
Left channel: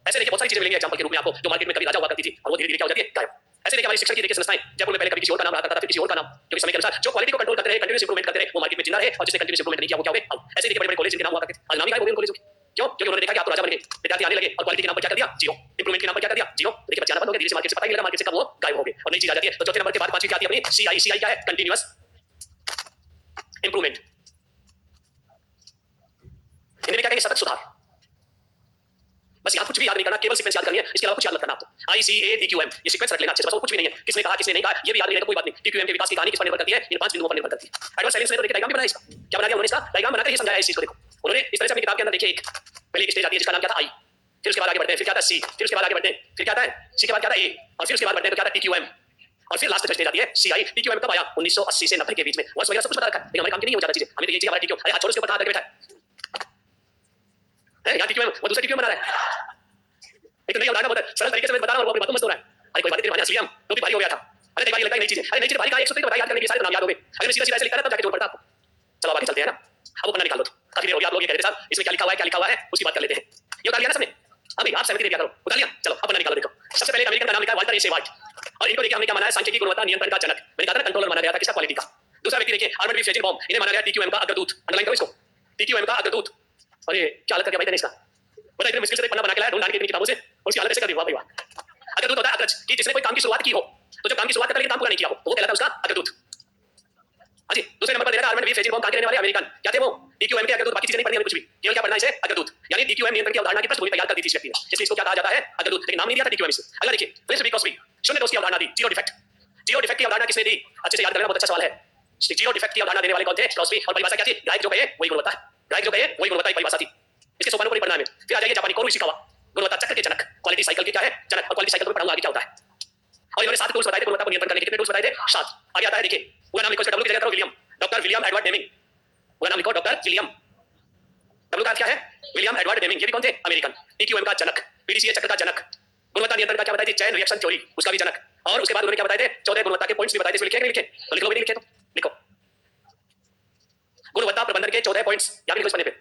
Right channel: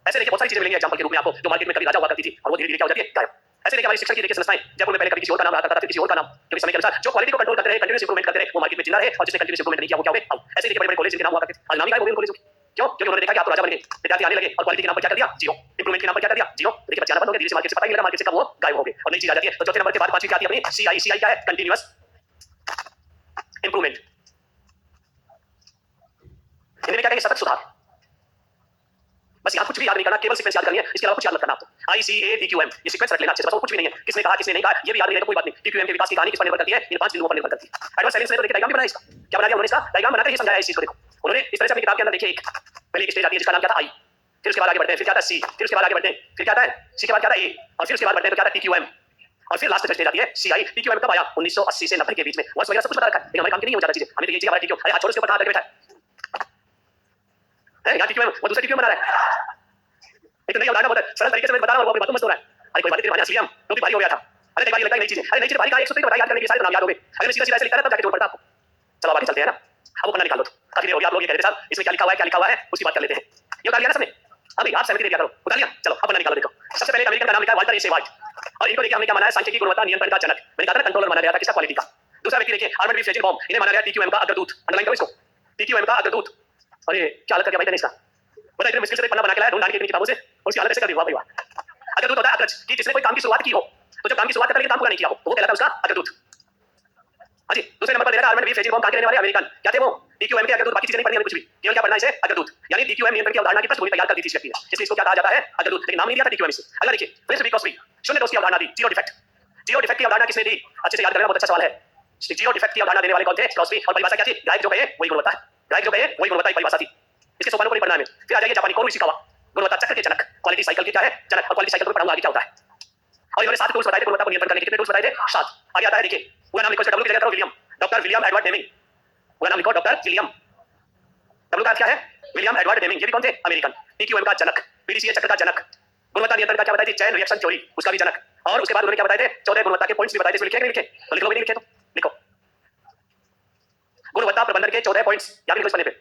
ऐसे देखिए बहुत सारी चीजें मिलेंगी एग्जांपल के रूप में आपको, जो मार्केट में कभी राजा हुआ करती थी और वो धीरे-धीरे क्या हो जाती है? गायब। ऐसे देखिए हमारी शिक्षण की देखिए संस्थाएं, जयपुर में पहले कभी किसी और का नाम रहा करता था, फिर किसी और का नाम, क्योंकि समय के अनुसार जो क्वालिटी को कंट्रोल करते रहे, कंटीन्यूअस इंप्रूवमेंट करते रहे, वो मार्केट में जिंदा रहे, और जिसने कंटीन्यूअस इंप्रूवमेंट नहीं किया वो क्या हो गए? आउट। ऐसे देखिए बड़े-बड़े कॉलेज जिनके नाम हुआ करते थे, आज नाम ही गायब हो गए उन कॉलेजों के। क्यों? क्योंकि उन्होंने देखा कि आप तो राजा बन गए, विद्यार्थी आने लगे और क्वालिटी के नाम पर क्या कर दिया? जीरो। इंप्रूवमेंट के नाम पर क्या कर दिया? जीरो। देखिए बच्चे आना बंद हो गए, धीरे से मार्केट से पता ही नहीं लगा, मार्केट से कब वो गायब हो गए और नई चीज आ जाती है। तो चौथे नंबर के बाद पांचवी क्या आती है अपनी? CI। CI क्या है? Continuous improvement. हिंदी में क्या कहेंगे? सतत सुधार। बस यहाँ कुछ भी याद नहीं करना, केवल सीक्वेंस याद करनी है, इसके अलावा कुछ याद मत करना आपको। ICADQM ये सीक्वेंस रख लेना अच्छे से, बस और कुछ भी नहीं है। किसने कहा किसने नहीं कहा ये भी याद नहीं रहेगा, कोई बात नहीं। DQM के विकास की कहानी किस पर निर्भर करती है? इन 5 बिंदुओं पर निर्भर करती है। एडवर्ड साइलेंस ने तो देखिए डायग्राम भी बनाया इसका। क्या बना दिया उन्होंने? इसका डायग्राम बनाकर ये समझाया इस चीज को। देखो उन्होंने इस तरह से अपनी किताब के अंदर देखिए, एक पहले एक स्टेज आती है जिसका नाम क्या था? I, फिर उसके बाद आगे बढ़ते हैं, फिर क्या था? C, फिर उसके बाद आगे बढ़ते हैं, फिर क्या आता है? C के बाद क्या था? A, और फिर उसके बाद बढ़ते हैं तो क्या था? TQM, और फिर लास्ट स्टेज आती है CI। TQM कब आया? 1980 से 90 के बीच में। वर्ष वगैरह सब कुछ बता रखा है, लेकिन हमारे काम की नहीं हो जाता चीजें। हमें तो ये चीज हमारा TQM, अरे हाथ छोड़ उसके ऊपर हाथ रख के बैठा है यहाँ TQM, वो दूसरा TQM बना रहा है। एक नहीं उदाहरण बहुत सरल तरीके से मैं बता रहा हूँ, वो अपनी बातों में मस्त हो रहा है। अरे कोई बात तेरे असलियम तो भी भारी हो गया था। अरे कई बार लगता है नई चीज है, अरे नई चीज भारी का एक सूत्र बता याद करने के सारे नाम याद हो गए। अगर मैं सीधा सीधा ऐसे लिखता ना तब जाके जोड़ पड़ता आपको। चलो आगे चलते हैं ना, अब वो पन्ना निकाल लो। काफी देर हो गई आप लोग ये कह रहे थे साहब इसमें क्या लिखा हुआ है, क्या लिखा हुआ है, उसकी बात कर लेते हैं। ये उतार लिया ना सबने? अभी आप सहमति दे दिया करो, उतार लिया। चलो अब पन्ना निकालो। देखो सबसे पहले अमेरिकन का नाम लिखा है वाल्टर ए वाइट, और इनको देखिए हमने क्या माना है? सांख्यिकी गुणवत्ता नियंत्रण का जनक। मैंने कहा था कंट्रोलर माना गया था किसका? क्वालिटी का। दूसरा व्यक्ति देखिए आर्मर्ड बी फ्रेजिल बॉम्ब, इन्हें माना गया TQM का अग्रदूत। अंडरलाइन करो इसको, TQM का अग्रदूत। अरे क्या हालत कर दिया भाई इसका, बड़ा इतने मुश्किल से पन्ना बना के लाया ढूंढ ढांड के किताबों से, उसकी हालत ऐसे कर दी। वाह भाई वाह। अग्रदूत होता है अग्रज, कि जिसने कोई काम की शुरुआत की हो, तो जब काम की शुरुआत करता है लेकिन काम पूरा नहीं किया हो तो वो कहलाता है उसका अग्रदूत। हाँ जी, दूसरे नंबर पर दे रहा है आर्मर्ड बी फ्रेजिल बॉम्ब, कहां के रहने वाले? अमेरिकन। क्या थे वो? TQM के अग्रदूत। बाकी चीजें नहीं पढ़नी हमें कुछ भी, केवल क्या पढ़ना है इसे? अग्रदूत। यानी TQM नियंत्रण की अवधारणा की पृष्ठभूमि तैयार कर दी थी इस व्यक्ति ने, इसलिए इसको क्या कहा जाता है? अग्रदूत। लेकिन नाम नहीं दिया था TQM से। अगला देखिए रिस्क बिकॉज़ वी, शून्य दोष की अवधारणा दी, जीरो डिफेक्ट। जीरो डिफेक्ट की अवधारणा किसने दी? अच्छे से याद करना, बहुत अच्छा सवाल है। जीरो डिफेक्ट की अवधारणा देने वाले कौन थे? क्रॉसबी। और परिभाषा क्या थी? गायक जो कहे वही गुणवत्ता है, गायक जो कहे वही गुणवत्ता की परिभाषा थी। इसके सोपानों को नहीं पढ़ना है। फिर आ जाइए जापानी कोरो इशिकावा, गुणवत्ता चक्र के जनक, क्वालिटी साइकिल के क्या है? जनक। और क्वालिटी साइकिल को पढ़ाऊंगा आगे क्या होता है। और इन्होंने 7 टूल्स बताए थे गुणवत्ता को नियंत्रण करने के। कितने टूल्स बताए थे? 7। आगे आता है देखिए, पूरा नाम लिखो इसका, डब्ल्यू की जगह करो William, doctor William Edward Deming. पूरा नाम लिखो डॉक्टर विलियम, डब्ल्यू का अर्थ क्या है? William Edward Deming. ये भी कौन थे? अमेरिकन। TQM का जनक, PDCA चक्र का जनक, गुणवत्ता नियंत्रण का क्या बताई थी? चैन रिएक्शन थ्योरी, उसका भी जनक। और उसके बाद उन्होंने क्या बताए थे? 14 गुणवत्ता के पॉइंट्स भी बताए थे। इसमें लिखे कि नहीं लिखे? तो लिख लो, भी नहीं लिखे तो लिखो। गुणवत्ता प्रबंधन के 14 पॉइंट्स या भी लिखो इस पन्ने पे।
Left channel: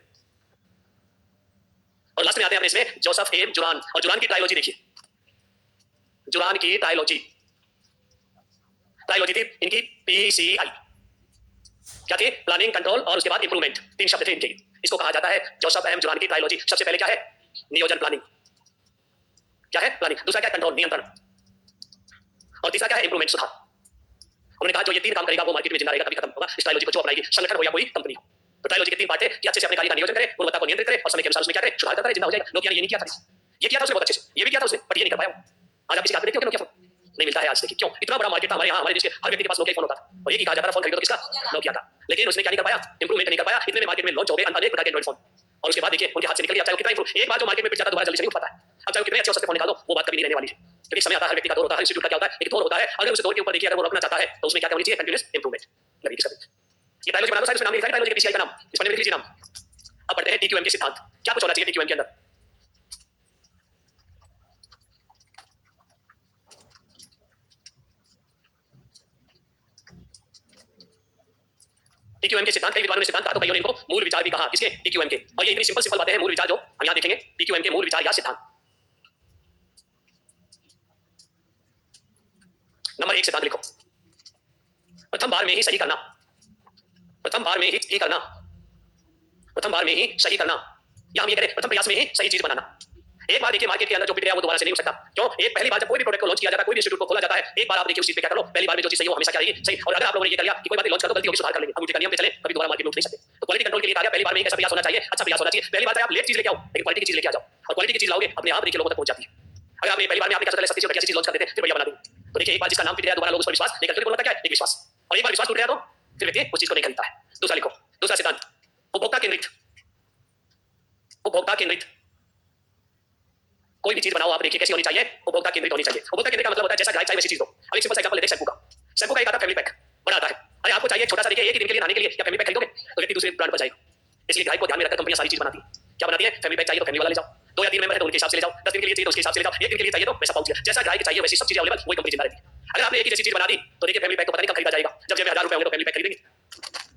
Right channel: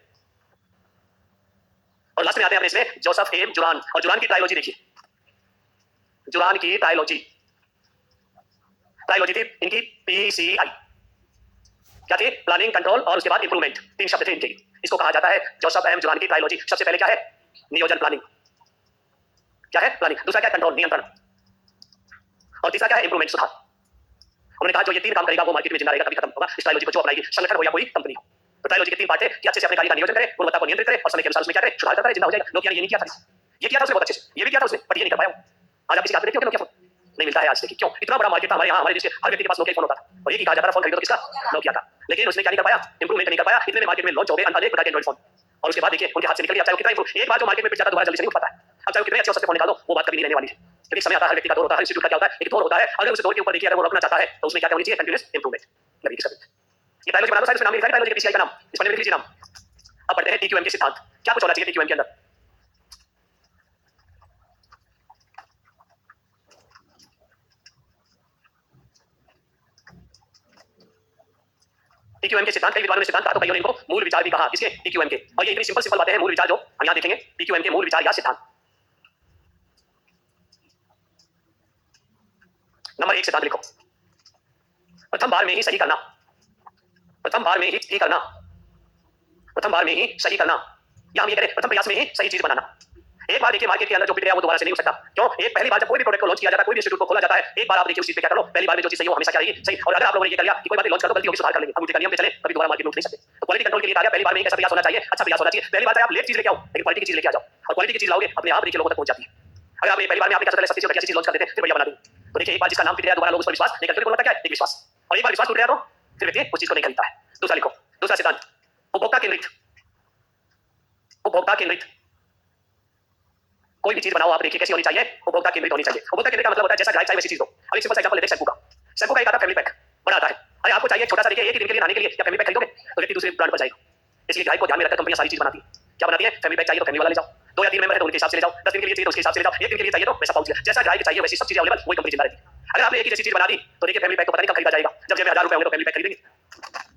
और लास्ट में आते हैं अपने इसमें जोसेफ एम जुरान, और जुरान की ट्रायोलॉजी देखिए, जुरान की ट्रायोलॉजी, ट्रायोलॉजी थी इनकी PCI। क्या थी? प्लानिंग, कंट्रोल और उसके बाद इंप्रूवमेंट, 3 शब्द थे इनके। इसको कहा जाता है जोसेफ एम जुरान की ट्रायोलॉजी। सबसे पहले क्या है? नियोजन, प्लानिंग। क्या है? प्लानिंग। दूसरा क्या है? कंट्रोल, नियंत्रण। और तीसरा क्या है? इंप्रूवमेंट, सुधार। उन्होंने कहा जो ये 3 काम करेगा वो मार्केट में जिंदा रहेगा, कभी खत्म होगा। इस ट्रायोलॉजी को जो अपनाएगी, संगठन हो या कोई कंपनी हो। तो ट्रायोलॉजी के 3 पार्ट थे कि अच्छे से अपने कार्य का नियोजन करे, गुणवत्ता को नियंत्रित करे और समय के अनुसार उसमें क्या करे? सुधार करता रहे, जिंदा हो जाएगा। नोकिया ने ये नहीं किया था, ये किया था उसने बहुत अच्छे से, ये भी किया था उसने, बट ये नहीं कर पाया। आज आप किसी हाथ में देखते हो कि नोकिया फोन नहीं मिलता है आज। देखिए क्यों? इतना बड़ा मार्केट था हमारे यहाँ, हमारे देश के हर व्यक्ति के पास नोकिया फोन होता था, और ये कहा जाता था फोन खरीदो तो किसका? नोकिया का। लेकिन उसने क्या नहीं कर पाया? इंप्रूवमेंट नहीं कर पाया। इतने में मार्केट में लॉन्च हो गए अनेक प्रकार के एंड्रॉइड फोन, और उसके बाद देखिए उनके हाथ से निकल गया। चाहे वो कितना इंप्रूव, एक बार जो मार्केट में पिट जाता है दोबारा जल्दी से नहीं उठ पाता है। अब चाहे वो कितने अच्छे हो सकते फोन निकालो, वो बात कभी नहीं रहने वाली है, क्योंकि समय आता है, हर व्यक्ति का दौर होता है, हर इंस्टीट्यूट का क्या होता है? एक दौर होता है। अगर उस दौर के ऊपर देखिए अगर वो रखना चाहता है तो उसमें क्या होनी चाहिए? Continuous improvement. लगी इसका ये ट्रायोलॉजी बना दो, शायद उसमें नाम लिखा है ट्रायोलॉजी के PCI का नाम, इस पर लिख लीजिए नाम। अब पढ़ते हैं TQM के सिद्धांत। क्या कुछ होना चाहिए TQM के अंदर? TQM के सिद्धांत, कई विद्वानों ने सिद्धांत कहा तो कईयों ने इनको मूल विचार भी कहा। किसके? TQM के। और ये इतनी सिंपल बातें हैं मूल विचार जो हम यहाँ देखेंगे, TQM के मूल विचार या सिद्धांत। नंबर 1 सिद्धांत लिखो, प्रथम बार में ही सही करना, प्रथम बार में ही सही करना, प्रथम बार में ही सही करना, या हम ये करें प्रथम प्रयास में ही सही चीज बनाना। एक बार देखिए मार्केट के अंदर जो पिट गया वो दोबारा से नहीं हो सकता। क्यों? एक पहली बार जब कोई भी प्रोडक्ट को लॉन्च किया जाता है, कोई भी इंस्टीट्यूट को खोला जाता है, एक बार आप देखिए उस चीज पे क्या कर लो, पहली बार में जो चीज सही हो हमेशा क्या रहेगी? सही। और अगर आप लोगों ने ये कर लिया कि कोई बात लॉन्च कर दो, गलती होगी सुधार कर लेंगे, हम उल्टे का नियम पे चले, कभी दोबारा मार्केट में उठ नहीं सकते। तो क्वालिटी कंट्रोल के लिए कहा पहली बार में कैसा प्रयास होना चाहिए? अच्छा प्रयास होना चाहिए। पहली बार आप लेट चीज लेके आओ, लेकिन क्वालिटी की चीज लेके आ जाओ, और क्वालिटी की चीज लाओगे अपने आप देखिए लोगों तक पहुंच जाती है। अगर आपने पहली बार में आपने क्या सस्ती चीज लॉन्च कर देते फिर बढ़िया बना देंगे। तो देखिए एक बार जिसका नाम पिट गया दोबारा लोग उस पर विश्वास नहीं करते, बोलता क्या है? एक विश्वास। और एक बार विश्वास टूट गया तो फिर व्यक्ति उस चीज को नहीं खरीदता है। दूसरा लिखो, दूसरा सिद्धांत उपभोक्ता केंद्रित, उपभोक्ता केंद्रित। कोई भी चीज बनाओ आप देखिए कैसी होनी चाहिए? उपभोक्ता केंद्रित होनी चाहिए। उपभोक्ता केंद्रित का मतलब होता है जैसा ग्राहक चाहिए वैसी चीज दो। अब एक सिंपल सा एग्जांपल लेते हैं शैम्पू का। शैम्पू का एक आता है फैमिली पैक, बड़ा आता है। अरे आपको चाहिए छोटा सा देखिए एक ही दिन के लिए नहाने के लिए, क्या फैमिली पैक खरीदोगे? तो व्यक्ति दूसरे ब्रांड पर जाएगा। इसलिए ग्राहक को ध्यान में रखकर कंपनियां सारी चीज बनाती है। क्या बनाती है? फैमिली पैक चाहिए तो फैमिली वाला ले जाओ, 2 या 3 मेंबर है तो उनके हिसाब से ले जाओ, 10 दिन के लिए चाहिए तो उसके हिसाब से ले जाओ, 1 दिन के लिए चाहिए तो वैसा पाउच। जैसा ग्राहक चाहिए वैसी सब चीजें अवेलेबल, वही कंपनी जिंदा रहती है। अगर आपने एक ही जैसी चीज बना दी तो देखिए फैमिली पैक तो पता नहीं कब खरीदा जाएगा। जब जेब में 1000 रुपए होंगे तो फैमिली पैक खरीदेंगे।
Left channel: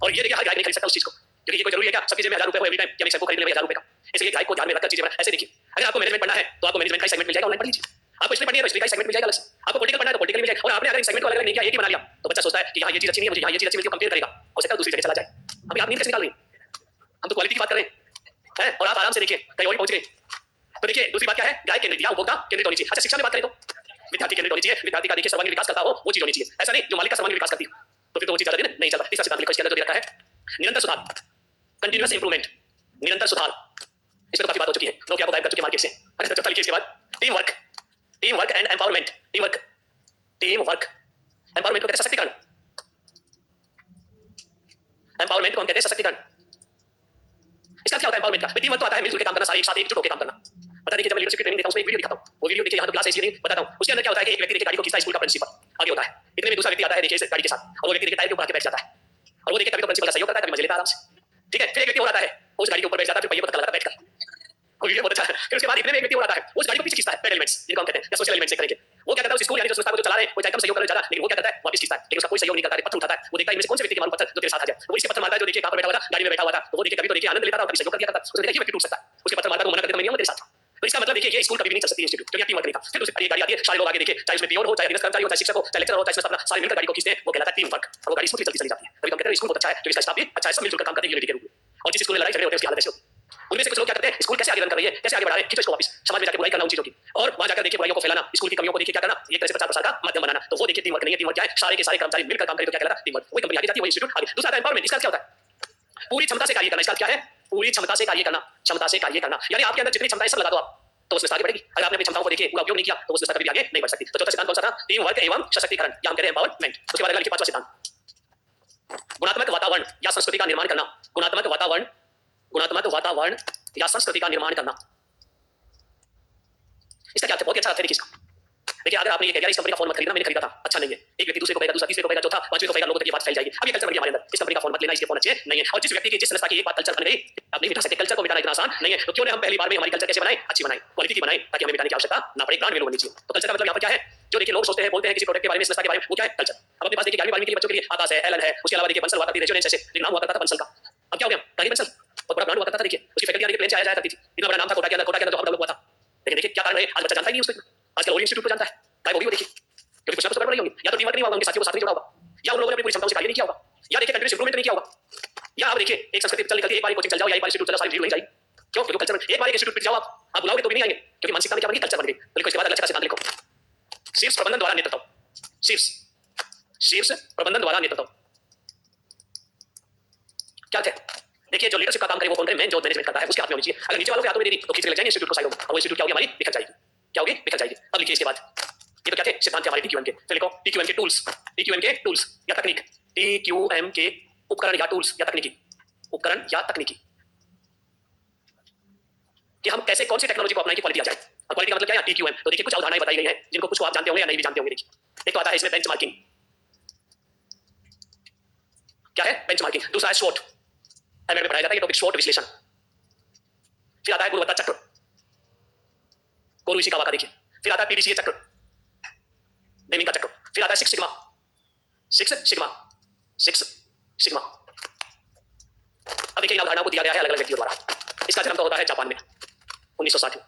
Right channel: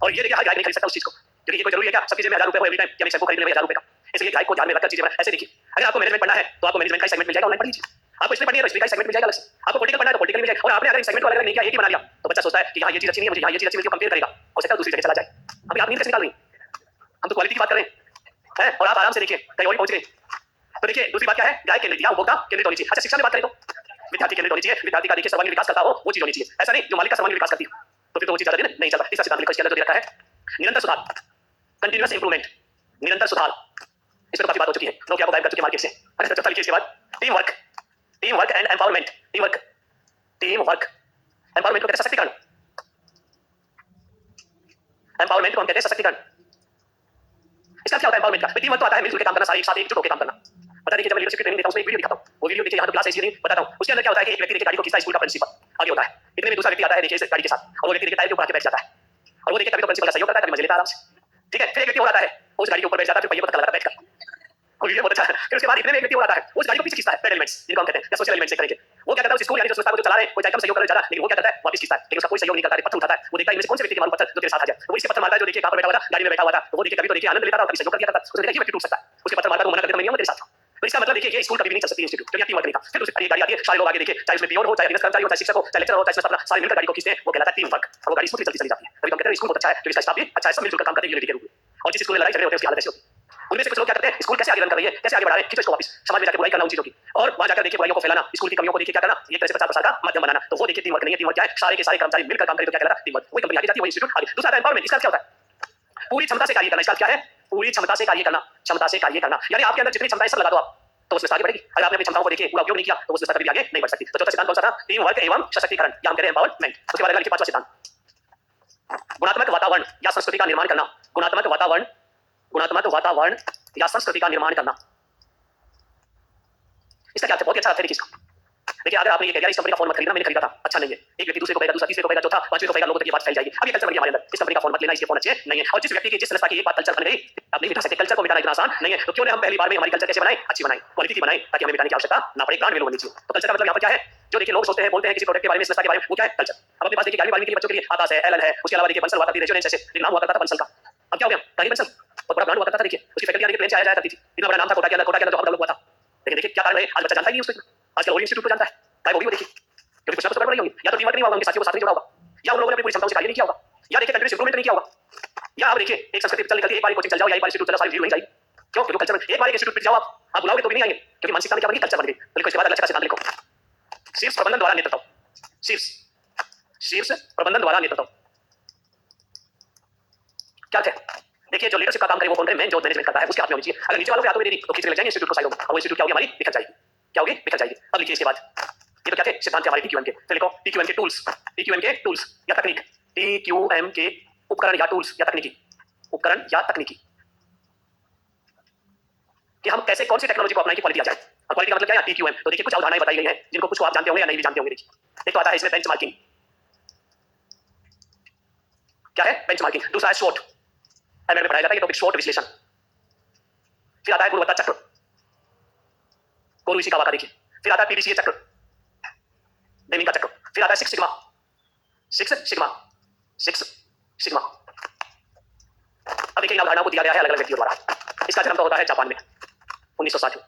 और ये देखिए हर ग्राहक नहीं खरीद सकता उस चीज को, क्योंकि ये कोई जरूरी है क्या सबकी जेब में 1000 रुपए हो एवरी टाइम कि हम शैम्पू खरीद लेंगे 1000 रुपए का? इसलिए ग्राहक को ध्यान में रखकर चीजें बना। ऐसे देखिए अगर आपको मैनेजमेंट पढ़ना है तो आपको मैनेजमेंट का सेगमेंट मिल जाएगा, ऑनलाइन पढ़ लीजिए। आपको इसमें पढ़नी है तो इसमें का सेगमेंट मिल जाएगा अलग से। आपको पॉलिटिकल पढ़ना है तो पॉलिटिकल मिल जाएगा। और आपने अगर इन सेगमेंट को अलग-अलग नहीं किया, एक ही बना लिया तो बच्चा सोचता है कि हां ये चीज अच्छी नहीं है, मुझे यहाँ ये चीज अच्छी मिलती है, कंपेयर करेगा, हो सकता है दूसरी जगह चला जाए। अभी आप नींद कैसे निकाल रही हैं? हम तो क्वालिटी की बात कर रहे हैं और आप आराम से देखिए कहीं और पहुंच गए। तो देखिए दूसरी बात क्या है? ग्राहक केंद्रित या उपभोक्ता केंद्रित होनी चाहिए। अच्छा शिक्षा में बात करें तो विद्यार्थी केंद्रित होनी चाहिए। विद्यार्थी का देखिए सर्वांगीण विकास करता हो वो चीज होनी चाहिए, ऐसा नहीं जो मालिक का सर्वांगीण विकास करती हो तो फिर तो वो चीज ज्यादा दिन नहीं चलता। तीसरा सिद्धांत लिखो इसके अंदर जो दे रखा है निरंतर सुधार, कंटीन्यूअस इंप्रूवमेंट, निरंतर सुधार। Team work, team work. Empowerment को कहते हैं सशक्तिकरण, एम्पावरमेंट को हम कहते हैं सशक्तिकरण। इसका क्या होता है एम्पावरमेंट का? टीम वर्क तो आता है मिलजुल के काम करना, सारे एक साथ एकजुट होकर काम करना। पता देखिए जब मैं लीडरशिप की ट्रेनिंग देता हूं उसमें एक वीडियो दिखाता हूं, वो वीडियो देखिए यहां तो क्लास इंजीनियरिंग बताता हूं। उसके अंदर क्या होता है कि एक व्यक्ति देखिए गाड़ी को खींचता है, स्कूल का प्रिंसिपल आगे होता है, इतने में दूसरा व्यक्ति आता है देखिए इस गाड़ी के साथ, और वो व्यक्ति देखिए टायर के ऊपर आके बैठ जाता है, और वो देखिए कभी तो प्रिंसिपल का सहयोग करता है, कभी मजे लेता है आराम से, ठीक है। फिर एक व्यक्ति और आता है, उस गाड़ी के ऊपर बैठ जाता है, फिर पहिए पर धक्का लगाता है बैठकर, वो वीडियो बहुत अच्छा है। फिर उसके बाद इतने में एक व्यक्ति और आता है, उस गाड़ी को पीछे खींचता है, पेडल एलिमेंट्स जिनको हम कहते हैं या सोशल एलिमेंट्स से करेंगे। वो क्या करता है उस स्कूल यानी जो संस्था को जो चला रहे हैं, कोई चाहे कम सहयोग करे ज्यादा, लेकिन वो क्या करता है वापस खींचता है, लेकिन उसका कोई सहयोग नहीं करता है, पत्थर उठाता है, वो देखता है इनमें से कौन से व्यक्ति के मालूम पत्थर जो तेरे साथ आ जाए, वो इसके पत्थर मारता है जो देखिए कहां पर बैठा हुआ था, गाड़ी में बैठा हुआ था, तो वो देखिए कभी तो देखिए आनंद लेता था और कभी सहयोग कर दिया करता, उसने देखा ये व्यक्ति टूट सकता है, उसके पत्थर मारता है, वो मना कर देता मैं नहीं आऊंगा तेरे साथ। तो इसका मतलब देखिए ये स्कूल कभी भी नहीं चल सकती इंस्टीट्यूट, क्योंकि टीम वर्क नहीं था। फिर दूसरी गाड़ी आती है, सारे लोग आगे देखिए, चाहे उसमें पियोन हो, चाहे अधीनस्थ कर्मचारी हो, चाहे शिक्षक हो, चाहे लेक्चरर हो, चाहे अपना सारे मिलकर गाड़ी को खींचते हैं, वो कहलाता है टीम वर्क, और वो गाड़ी स्मूथली चलती चली जाती है। कभी हम कहते हैं स्कूल बहुत अच्छा है, क्योंकि इसका स्टाफ भी अच्छा है, सब मिलजुल कर काम करते हैं यूनिटी के रूप में। और जिस स्कूल में लड़ाई झगड़े होते हैं उसकी हालत ऐसी होती है। उनमें से कुछ लोग क्या करते हैं, स्कूल कैसे आगे रन कर रही है, कैसे आगे बढ़ा रहे हैं, खींचो इसको वापस, समाज में जाकर बुराई करना उन चीजों की, और वहां जाकर देखिए बुराइयों को फैलाना, स्कूल की कमियों को देखिए क्या करना, एक तरह से प्रचार प्रसार का माध्यम बनाना। तो वो देखिए टीम वर्क नहीं है। टीम वर्क क्या है, सारे के सारे कर्मचारी मिलकर काम करें तो क्या कहलाता है टीम वर्क। वही कंपनी आगे जाती है, वही इंस्टीट्यूट आगे। दूसरा आता है एम्पावरमेंट। इसका क्या होता है, पूरी क्षमता से कार्य करना। इसका क्या है, पूरी क्षमता से कार्य करना, क्षमता से कार्य करना, यानी आपके अंदर जितनी क्षमता है सब लगा दो आप, तो उसमें आगे बढ़ेगी। अगर आपने अपनी क्षमताओं को देखिए पूरा उपयोग नहीं किया तो उसमें कभी भी आगे नहीं बढ़ सकती। तो चौथा सिद्धांत कौन सा था, टीम वर्क एवं सशक्तिकरण, या हम कह रहे हैं एम्पावरमेंट। उसके बाद अगला लिखिए पांचवा सिद्धांत, गुणात्मक वातावरण या संस्कृति का निर्माण करना। गुणात्मक वातावरण, गुणात्मक वातावरण या संस्कृति का निर्माण करना। इसका क्या अर्थ है, बहुत अच्छा अर्थ है देखिए इसका। देखिए अगर आपने ये कह दिया इस कंपनी का फोन मत खरीदना, मैंने खरीदा था अच्छा नहीं है, एक व्यक्ति दूसरे को कहेगा, दूसरा तीसरे को कहेगा, चौथा पांचवें को कहेगा, लोगों तक ये बात फैल जाएगी। अब ये कल्चर बन गया हमारे अंदर, इस कंपनी का फोन मत लेना, इसके फोन अच्छे नहीं है। और जिस व्यक्ति की जिस संस्था की एक बात कल्चर बन गई, आप नहीं मिटा सकते। कल्चर को मिटाना इतना आसान नहीं है, तो क्यों ने हम पहली बार में हमारी कल्चर कैसे बनाए, अच्छी बनाए, क्वालिटी की बनाए, ताकि हमें मिटाने की आवश्यकता ना पड़े, ब्रांड वैल्यू होनी चाहिए। तो कल्चर का मतलब यहाँ पर क्या है, जो देखिए लोग सोचते हैं, बोलते हैं किसी प्रोडक्ट के बारे में, संस्था के बारे में, वो क्या है कल्चर। अब अपने पास देखिए 11वीं 12वीं के लिए बच्चों के लिए आकाश है, एलन है, उसके अलावा देखिए बंसल हुआ करती थी, रेजोनेंस ऐसे नाम हुआ करता था बंसल का। अब क्या हो गया, टाइगर बंसल बहुत बड़ा ब्रांड हुआ करता था। देखिए उसकी फैकल्टी आगे प्लेन से आया जाया करती थी, इतना बड़ा नाम था कोटा के अंदर जो हम लोग हुआ था। लेकिन देखिए क्या कारण है, आज बच्चा जानता ही नहीं उसको, आजकल वो इंस्टीट्यूट को जानता है, चाहे वो भी वो देखिए, क्योंकि कुछ ना कुछ गड़बड़ रही होगी, या तो टीम वर्क नहीं हुआ, उनके साथियों को साथ नहीं जोड़ा होगा, या उन लोगों ने अपनी पूरी क्षमताओं से कार्य नहीं किया होगा, या देखिए कंटिन्यूअस इंप्रूवमेंट नहीं किया होगा, या आप देखिए एक संस्कृति चल निकलती है, एक बार कोचिंग चल जाओ या एक बार इंस्टीट्यूट चल जाओ, सारी भीड़ नहीं जाएगी। क्यों, क्योंकि कल्चर एक बार एक इंस्टीट्यूट पे जाओ आप बुलाओगे तो भी नहीं आएंगे, क्योंकि मानसिकता में क्या बन गई, कल्चर बन गई। तो लिखो इसके बाद अगला अच्छा सिद्धांत लिखो, शीर्ष प्रबंधन द्वारा नेतृत्व, शीर्ष शीर्ष प्रबंधन द्वारा नेतृत्व क्या है। देखिए जो लीडरशिप का काम करे वो कौन करे, मैन जो मैनेजमेंट करता है उसके हाथ में होनी चाहिए। अगर नीचे वालों के हाथों में दे दी तो खींच के ले जाएंगे इंस्टीट्यूट को साइडों में, और वो इंस्टीट्यूट क्या होगी, हमारी बिखर जाएगी। क्या होगी, बिखर जाएगी। अब लिखिए इसके बाद, ये तो क्या थे सिद्धांत हमारे टीक्यूएम के। फिर लिखो टीक्यूएम के टूल्स, टीक्यूएम के टूल्स या तकनीक, टीक्यूएम के उपकरण या टूल्स या तकनीकी, उपकरण या तकनीकी, कि हम कैसे कौन सी टेक्नोलॉजी को अपनाएं कि क्वालिटी आ जाए। और क्वालिटी का मतलब क्या है, टीक्यूएम। तो देखिए कुछ अवधारणाएं बताई गई हैं जिनको कुछ आप जानते होंगे या नहीं भी जानते होंगे। देखिए एक तो आता है इसमें बेंचमार्किंग, क्या है बेंचमार्किंग। दूसरा है शॉर्ट, एमएड में पढ़ाया जाता है ये टॉपिक, शॉर्ट विश्लेषण। फिर आता है गुणवत्ता चक्र, कोरू इसी का देखिए। फिर आता है पीडीसीए चक्र, नेमिंग का चक्र। फिर आता है six sigma, six sigma, six sigma. अब देखिए इन अवधारणाओं को दिया गया है अलग अलग व्यक्तियों द्वारा। इसका जन्म तो होता है जापान में 1960 में।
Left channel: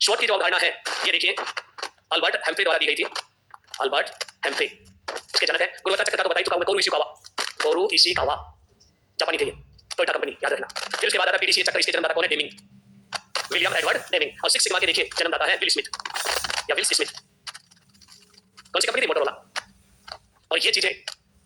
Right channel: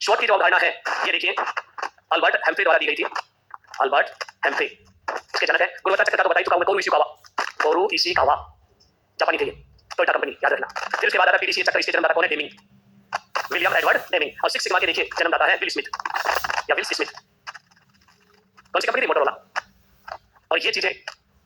शॉर्ट की जो अवधारणा है ये देखिए अल्बर्ट हेम्फ्रे द्वारा दी गई थी, अल्बर्ट हेम्फ्रे इसके जनक है। गुणवत्ता चक्र का तो बता ही चुका हूं, कोरू इशिकावा, कोरू इशिकावा जापानी थे ये, टोयोटा कंपनी याद रखना। फिर उसके बाद आता है पीडीसीए चक्र, इसके जन्मदाता कौन है, डेमिंग, विलियम एडवर्ड डेमिंग। और सिक्स सिग्मा के देखिए जन्मदाता है विल स्मिथ या विल स्मिथ। कौन सी कंपनी थी, मोटोरोला। और ये चीजें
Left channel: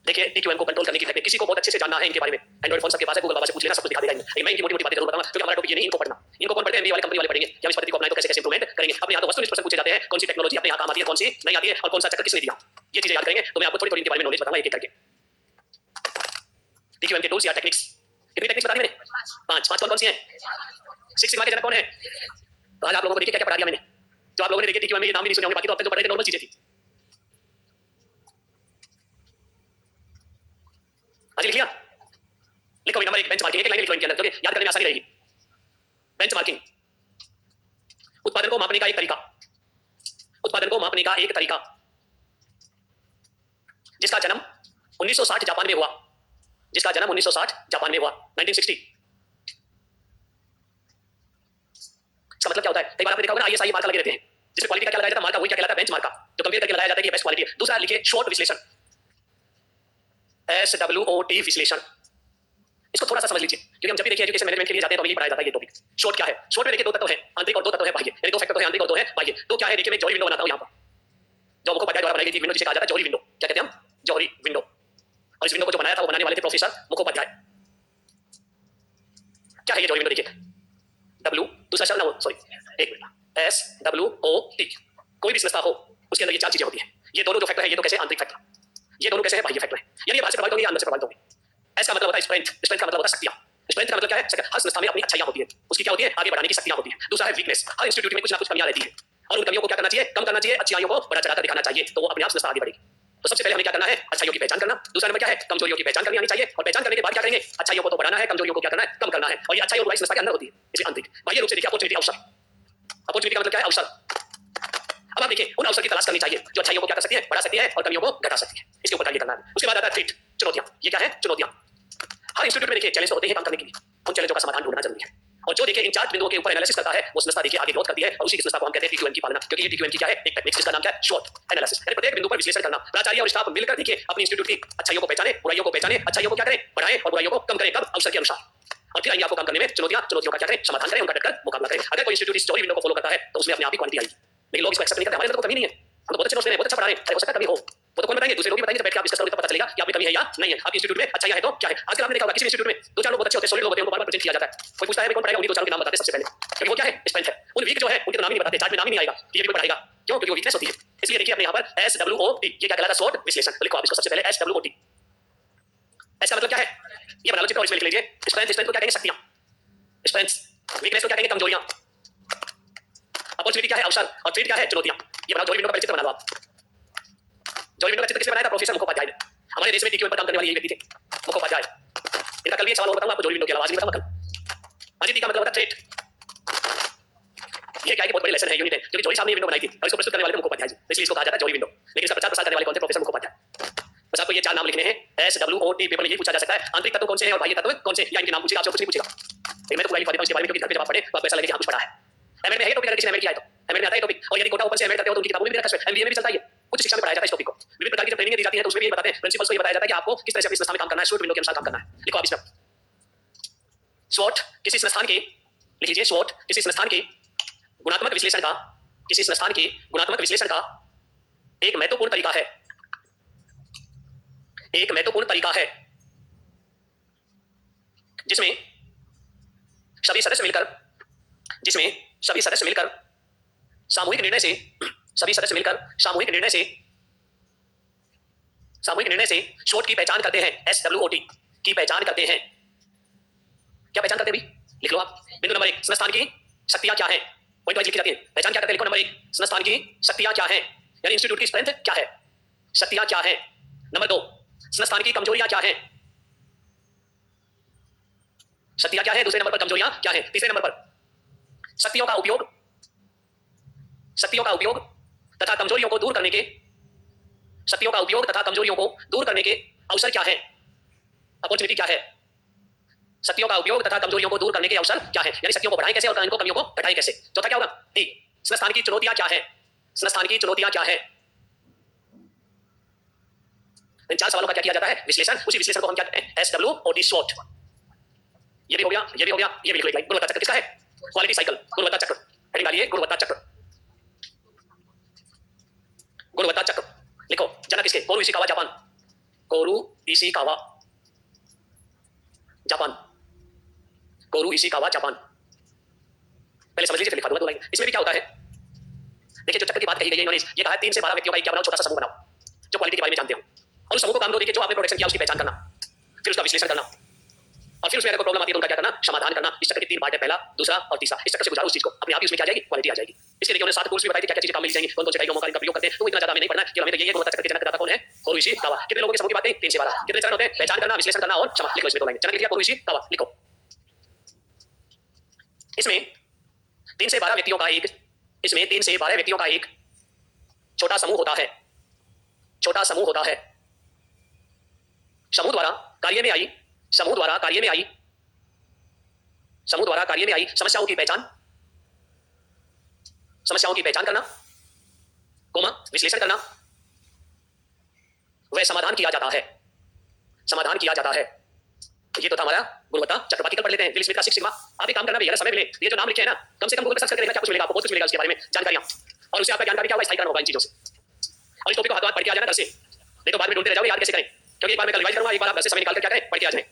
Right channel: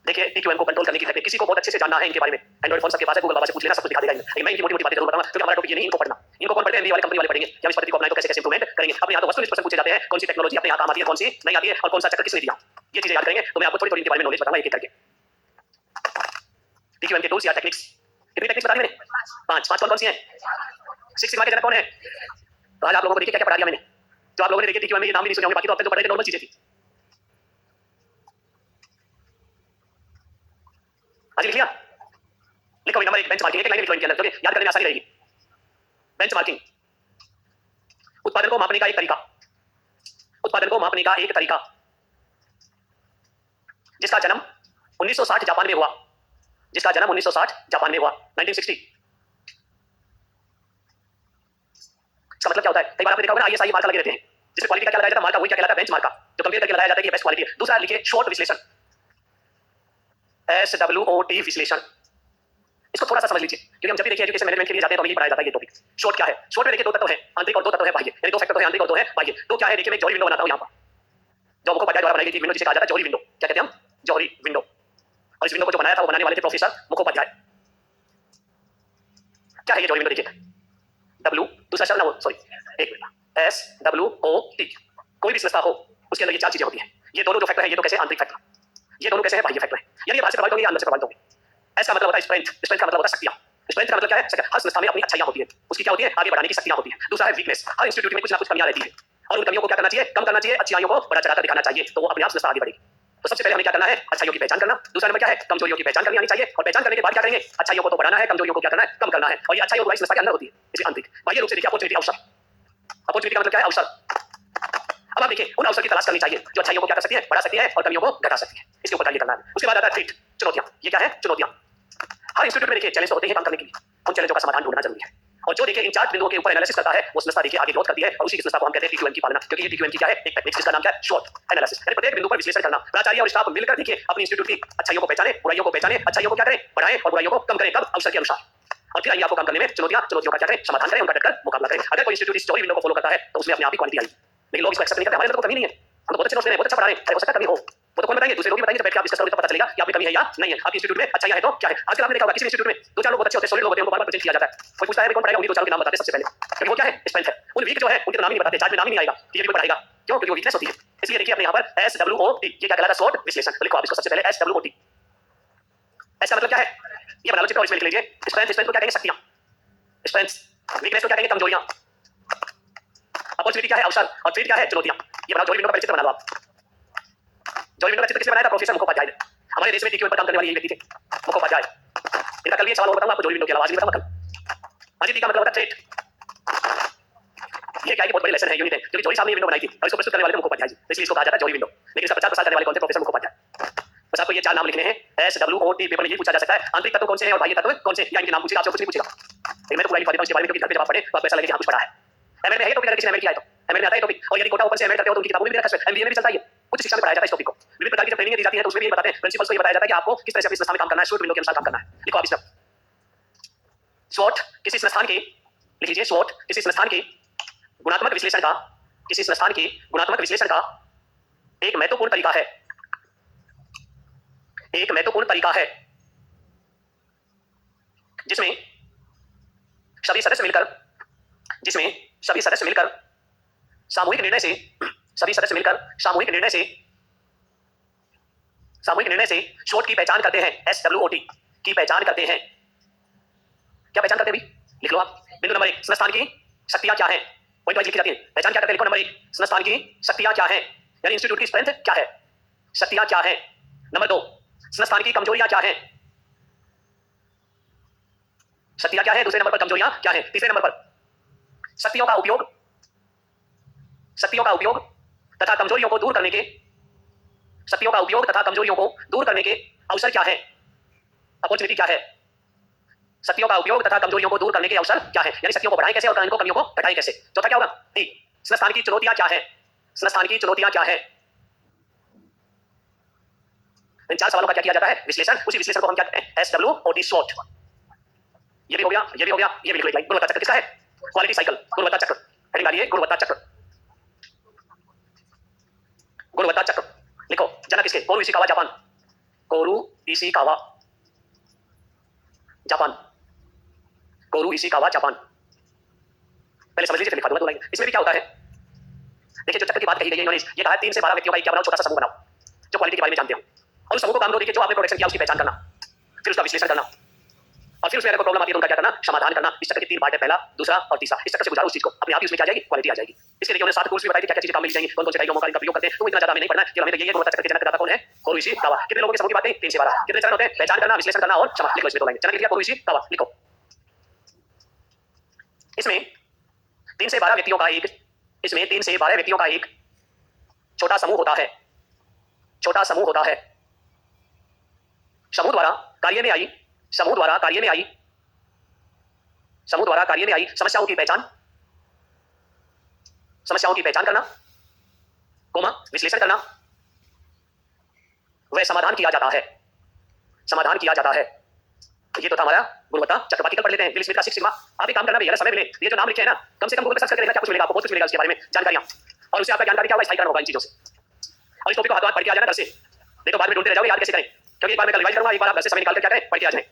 देखिए टीक्यूएम को कंट्रोल करने की टेक्निक, किसी को बहुत अच्छे से जानना है इनके बारे में, एंड्रॉइड फोन सबके पास है, गूगल बाबा से पूछ लेना, सब कुछ दिखा देगा इनमें। मैं इनकी मोटी मोटी बातें जरूर बताऊंगा, क्योंकि हमारा टॉपिक ये नहीं, इनको पढ़ना। इनको कौन पढ़ते हैं, एमबीए वाले कंपनी वाले पढ़ेंगे कि हम इस पद्धति को अपनाएं तो कैसे कैसे इंप्रूवमेंट करेंगे। अपने यहाँ तो वस्तुनिष्ठ प्रश्न पूछे जाते हैं, कौन सी टेक्नोलॉजी अपने यहाँ काम आती है, कौन सी नहीं आती है, और कौन सा चक्र किसने दिया, ये चीजें याद करेंगे। तो मैं आपको थोड़ी थोड़ी इनके बारे में नॉलेज बताऊंगा एक एक करके। टीक्यूएम के टूल्स या टेक्निक्स, कितनी टेक्निक्स बता दी मैंने, पांच। पांच कौन सी हैं, सिक्स सिग्मा के जनक कौन है। तो आज आप लोगों को देखिए क्या क्या पढ़ा दिया मैंने, जो आप लोगों ने देखिए टीक्यूएम में ये नाम भी नहीं सुने होंगे, बाकी तो अब तक जो पढ़ रहे थे नॉर्मल चीजें थी। आज लिख लिया, लिखो नंबर एक बेंचमार्किंग, एक लाइन लिखो इनके अंदर, क्योंकि याद करने में आसानी रहेगी। बेंचमार्किंग, उत्पादन को मापने का एक तरीका, उत्पादन को मापने का एक तरीका, जिसका जन्म 1960 जापान में हुआ, जिसका जन्म 1960 जापान में हुआ, 1960। इसका मतलब क्या होता है, कई बार आपने देखा होगा ना आईएसआई मार्का लगे रहते हैं, जिसमें क्वालिटी का क्या लगाया जाता है, मार्का वही क्या कहलाता है, बेंचमार्क का, जो कंपेयर करके लगाया जाता है कि बेस्ट क्वालिटी है। दूसरा लिखिए शॉर्ट विश्लेषण, SWOT विश्लेषण। इसको थोड़ा सा समझ लीजिए, क्योंकि हम जब भी देखिए एजुकेशन मैनेजमेंट के लिए जाते हैं तो हमें यही पढ़ाया जाता है ये टॉपिक। शॉर्ट क्या है, शॉर्ट में देखिए दो तत्व हैं, आंतरिक और दो तत्व हैं बाह्य, यानी दो फैक्टर है आंतरिक और दो है बाह्य। तो क्या है देखिए, मैं जॉहरी विंडो बनाता हूं यहां पर, जो मुखोपाध्याय द्वारा बनाई गई थी विंडो, जिसे कहा जाता है जॉहरी विंडो। क्या कहते हैं हम, जॉहरी विंडो। और इस विंडो को जो बनाया था वो बनाने वाले थे प्रोफेसर मुखोपाध्याय। क्या है ये जॉहरी विंडो, देखिए W, दूसरा शब्द ना वो सॉरी एक मिनट, SWOT। कोई भी संस्था हो उसके अंदर ये चार चीजें होती हैं। ये दोनों जो फैक्टर है ये तो कैसे आंतरिक फैक्टर, ये दोनों कैसे है बाह्य फैक्टर है। यानी ये बाहर से प्रभावित होंगे या अंदर से प्रभावित होंगे। एस का मतलब होता है स्ट्रेंथ, स्ट्रेंथ का मतलब होता है शक्तियां। स्ट्रेंथ का मतलब क्या है? हर संस्था में अपनी अच्छाइयां होती है, उसकी क्या होती है? आगे बढ़ाने की शक्तियां होती है। दूसरा है वीकनेस, हर इंस्टीट्यूट में कुछ ना कुछ कमियां रहती है और उन कमियों को क्या करना चाहिए? कम करना चाहिए, अच्छाइयों को बड़ा चढ़ाकर दिखाना चाहिए, तो वो अपने आप संस्था आगे बढ़ेगी। तो सबसे पहले हमें क्या करना है? अच्छाइयों की पहचान करना। दूसरा नंबर क्या है? कमजोरियों की पहचान करनी आनी चाहिए और पहचान करने के बाद क्या करेंगे? अच्छाइयों को तो बढ़ाना है, कमजोरियों को क्या करना है? कम करना है। और ये अच्छाई और बुराई संस्था के अंदर होती है, इसे आंतरिक। बाह्य रूप से देखिए अपॉर्चुनिटी, अवसर। अपॉर्चुनिटी का मतलब क्या है? अवसर। अब आप देखिए उन अवसर की तलाश करनी चाहिए जो अच्छाइयों को क्या कर सकती है? बढ़ा सकती है और कमियों को घटा सकती है। इसके ऊपर कार्य करना है। उसके बाद आता है थ्रेट, चुनौतियां। ये क्या है? चुनौतियां। हर इंस्टीट्यूट में देखिए चैलेंज तो होते हैं काम करने के लिए, उन चैलेंजों का समाधान ढूंढना जरूरी है। और जो देखिए इन चार बिंदुओं के ऊपर एनालिसिस करता है वो संस्था देखिए आगे ग्रोथ करती है और उसी की संस्था को हम कहते हैं टीक्यूएम की पालना, क्योंकि ये टीक्यूएम की क्या है? एक टेक्निक जिसका नाम क्या है? Short analysis. यानी प्रत्येक बिंदु पर विश्लेषण करना। प्राचार्य और स्टाफ मिलकर देखिए अपनी इंस्टीट्यूट की अच्छाइयों को पहचाने, बुराइयों को पहचाने, अच्छाइयों को क्या करें? बढ़ाएं और बुराइयों को कम करें। कब? अवसर के अनुसार। और फिर आइए आपको काम करने में चुनौतियों का क्या करें? समाधान करें, उनका डटकर मुकाबला करें। अगर कोई इंस्टीट्यूट इस चौड़ी विंडो को फॉलो करता है तो उसमें अपने आप ही क्वालिटी आएगी। लेकिन लोग इसको एक्सेप्ट नहीं करते। हमारे अंदर तो कमी नहीं है, हम तो बहुत अच्छे दोस्त हैं, बहुत अच्छा पढ़ा रहे हैं, हो सकता है कमी हो, वो तो कौन बताएंगे? दूसरे लोग भी बताएंगे। जब बैठ के आप डिस्कस करोगे तब पता चलेगा कि आप में कमी है या नहीं है। आपके इंस्टीट्यूट में अच्छाइयां है तो क्या है? आजकल आपने देखा होगा किसी इंस्टीट्यूट में दो चार लोग बहुत अच्छे होते हैं, सॉलिड लोग होते हैं, उनको बार-बार प्रेजेंट किया जाता है। कोई पूछता है कौन पढ़ाएगा, उन्हीं दो चार के नाम बताते हैं सबसे पहले, क्योंकि वो क्या है? स्ट्रेंथ है। उन वीक जो है उनके नाम ही नहीं बताते, चार्ट में नाम ही नहीं आएगा कि ये भी कोई पढ़ाएगा। क्यों? क्योंकि वो वीकनेस होती है। इसलिए देखिए अपने यहाँ पर SWOT, ये क्या कहलाता है? शॉर्ट विश्लेषण। तो लिखो आप इसको सबसे पहले SWOT। एस का मतलब क्या है? ये बना लो चित्र और इसमें लिख लीजिए। स्ट्रेंथ, स्ट्रेंथ को क्या कहेंगे? शक्तियां। स्ट्रेंथ। वीकनेस को क्या कहेंगे? कमजोरियां। अपॉर्चुनिटी क्या है? अवसर। और थ्रेट क्या है? चुनौतियां। ये बनाओ, जोड़ी विंडो का परिचित बना लो आप। जोड़ी विंडो का चित्र किसने बनाया था? प्रोफेसर मुखोपाध्याय ने। हमारे देश में टीक्यूएम पर काम करने वाले यही व्यक्ति थे, मुखोपाध्याय। इनका कल भी एक सवाल और बताऊंगा आपको जोड़ी विंडो के अलावा, आज नहीं बताऊंगा कल। आज टी का मतलब होता है थ्रेट। ये क्या है कि बहुत बड़ी लेसन है, यूनिट है, क्योंकि जोड़ी साहब ने ये विंडो बनाई थी और इसको प्रस्तुत करने वाले थे मुखोपाध्याय जी, इसलिए इसको कहा जाता है जोड़ी विंडो। लेकिन इसका प्रचार प्रसार करने वाले कौन थे? प्रोफेसर मुखोपाध्याय। बस आपको ये चार नाम लिखने हैं। SWOT। पेपर में ये पूछा जा सकता है आंतरिक तत्व कौन से हैं और बाह्य तत्व कौन से, या इनके नाम पूछेगा, आपसे कुछ नहीं पूछेगा। लेकिन मैं तो पूरा लिखवा देता हूं इसके बारे में, क्योंकि घर पे जवाब पढ़े तो आपको ऐसा लगे कि हां कुछ पढ़ा है। एमएड में है ये टॉपिक, अगर किसी ने एमएड किया है तो एमएड में आता है टॉपिक। और यदि कोटा ओपन से एमएड करते हो तो उनकी किताबों में भी रखा है, एमबीए में भी चलता है ये। उच्च शिक्षा में पढ़ाया जाता है इस टॉपिक को। विभिन्न प्रकार की जब ट्रेनिंग दी जाती है तो उसमें भी ये बताते हैं, प्रिंसिपल्स को ये बताया जाता है कि आपको किस तरह से अपनी संस्था में काम करना है, शॉर्ट विंडो के अनुसार काम करना है। लिखो आप इसमें SWOT किसी संस्थान के, लिख लीजिए SWOT किसी संस्थान के गुणात्मक विश्लेषण का, किसी संस्थान के गुणात्मक विश्लेषण का एक महत्वपूर्ण तरीका है, एक महत्वपूर्ण तरीका है जिसमें सभी सदस्य मिलकर, जिसमें सभी सदस्य मिलकर सामूहिक निर्णय से, सभी सदस्य मिलकर सामूहिक निर्णय से, सामूहिक निर्णय से SWOT की पहचान करते हैं। SWOT की पहचान करते हैं। क्या पहचान करते हैं भी? लिख लो आप। बिंदु नंबर 1, संस्थान की शक्तियां क्या हैं? पॉइंट वाइज लिखी जाती है। पहचान क्या करते हैं? लिखो नंबर 1, संस्थान की शक्तियां क्या हैं, यानी इंस्टीट्यूट की स्ट्रेंथ क्या है, शक्तियां क्या हैं। नंबर 2, संस्थान की कमजोरियां क्या हैं, शक्तियां क्या है। दूसरे नंबर पर कमजोरियां क्या है। तीसरे नंबर पर शक्तियों का उपयोग, शक्तियों का उपयोग तथा कमजोरियों को दूर करने के, शक्तियों का उपयोग तथा कमजोरियों को दूर करने के अवसर क्या है, अपॉर्चुनिटी क्या है। शक्तियों का उपयोग तथा कमजोरियों को दूर करने के अवसर क्या है, यानी शक्तियों को बढ़ाएं कैसे और इनको कमियों को घटाएं कैसे। चौथा क्या होगा? डी, संस्थान की चुनौतियां क्या है, संस्थान की चुनौतियां क्या है। इन चार सवालों का क्या किया जाता है? विश्लेषण। उसी विश्लेषण को हम क्या कहते हैं? SWOT, SWOT। ये भी हो गया, ये भी हो गया, ये भी लिख लो। गुणवत्ता चक्र किसका है? क्वालिटी साइकिल, गुणवत्ता चक्र। हेडिंग डालिए गुणवत्ता चक्र, गुणवत्ता चक्र। लिखो जनक किसके? कोरू इशिकावा, जापान। कोरू इशिकावा, जापान। कोरू इशिकावा, जापान। पहले समझ लीजिए फिर लिखा दूंगा 2 लाइन। इसमें भी क्या होता है? देखिए जो चक्र की बात कही गई है इन्होंने, ये कहा है 3 से 12 व्यक्तियों का एक क्या बनाओ? छोटा सा समूह बनाओ जो क्वालिटी के बारे में जानते हो। और उस समूह को काम दो, देखिए जो आपने प्रोडक्शन किया उसकी पहचान करना, फिर उसका विश्लेषण करना, और फिर उसमें अगर कोई प्रॉब्लम आती है तो उनका क्या करना? समाधान करना। इस चक्र के 3 पार्ट है, पहला, दूसरा और तीसरा। इस चक्कर से गुजारो उस चीज को, अपने आप ही उसमें क्या आ जाएगी? क्वालिटी आ जाएगी। इसके लिए उन्होंने 7 टूल्स भी बताई थी, क्या-क्या चीजें काम में ली जाएंगी, कौन-कौन से डायग्रामों का इनका प्रयोग करते हैं। तो इतना ज्यादा हमें नहीं पढ़ना है कि हमें तो ये गुणवत्ता चक्र के जनक दाता कौन है? कोरू इशिकावा। कितने लोगों के समूह की बात कही? 3 से 12। कितने चरण होते हैं? पहचान करना, विश्लेषण करना और क्षमा। लिखो इसमें 2 लाइन। जनक लिखिए, कोरू इशिकावा। लिखो इसमें 3 से 12 व्यक्तियों का एक, इसमें 3 से 12 व्यक्तियों का एक छोटा समूह होता है, छोटा समूह होता है। समूह द्वारा कार्य में आई, समूह द्वारा कार्य में आई, समूह द्वारा कार्य में आई समस्याओं की पहचान, समस्याओं की पहचान करना, कोमा विश्लेषण करना, वह समाधान किया जाता है, समाधान किया जाता है। ये तो था हमारा गुणवत्ता चक्र। बाकी कल पढ़ लेते हैं। विल स्मिथ का 6 सिग्मा। आप एक काम करना भैया, समय मिले ये जो नाम लिखे हैं ना, कम से कम गूगल पे सर्च करके देखना, क्या कुछ मिलेगा आपको, बहुत कुछ मिलेगा उसके बारे में जानकारियां। और उससे आपका ज्ञानकारी क्या होगा? स्थायीकरण होगा इन चीजों से। और इस टॉपिक को हाथ पढ़ के आ जाना घर से, नहीं तो बाद में ढूंढते रह जाओगे याद कैसे करें। क्योंकि एक बार मैं कल रिवाइज करूंगा, एक बार आप घर से समय निकाल कर क्या करें? पढ़ के आ जाएं।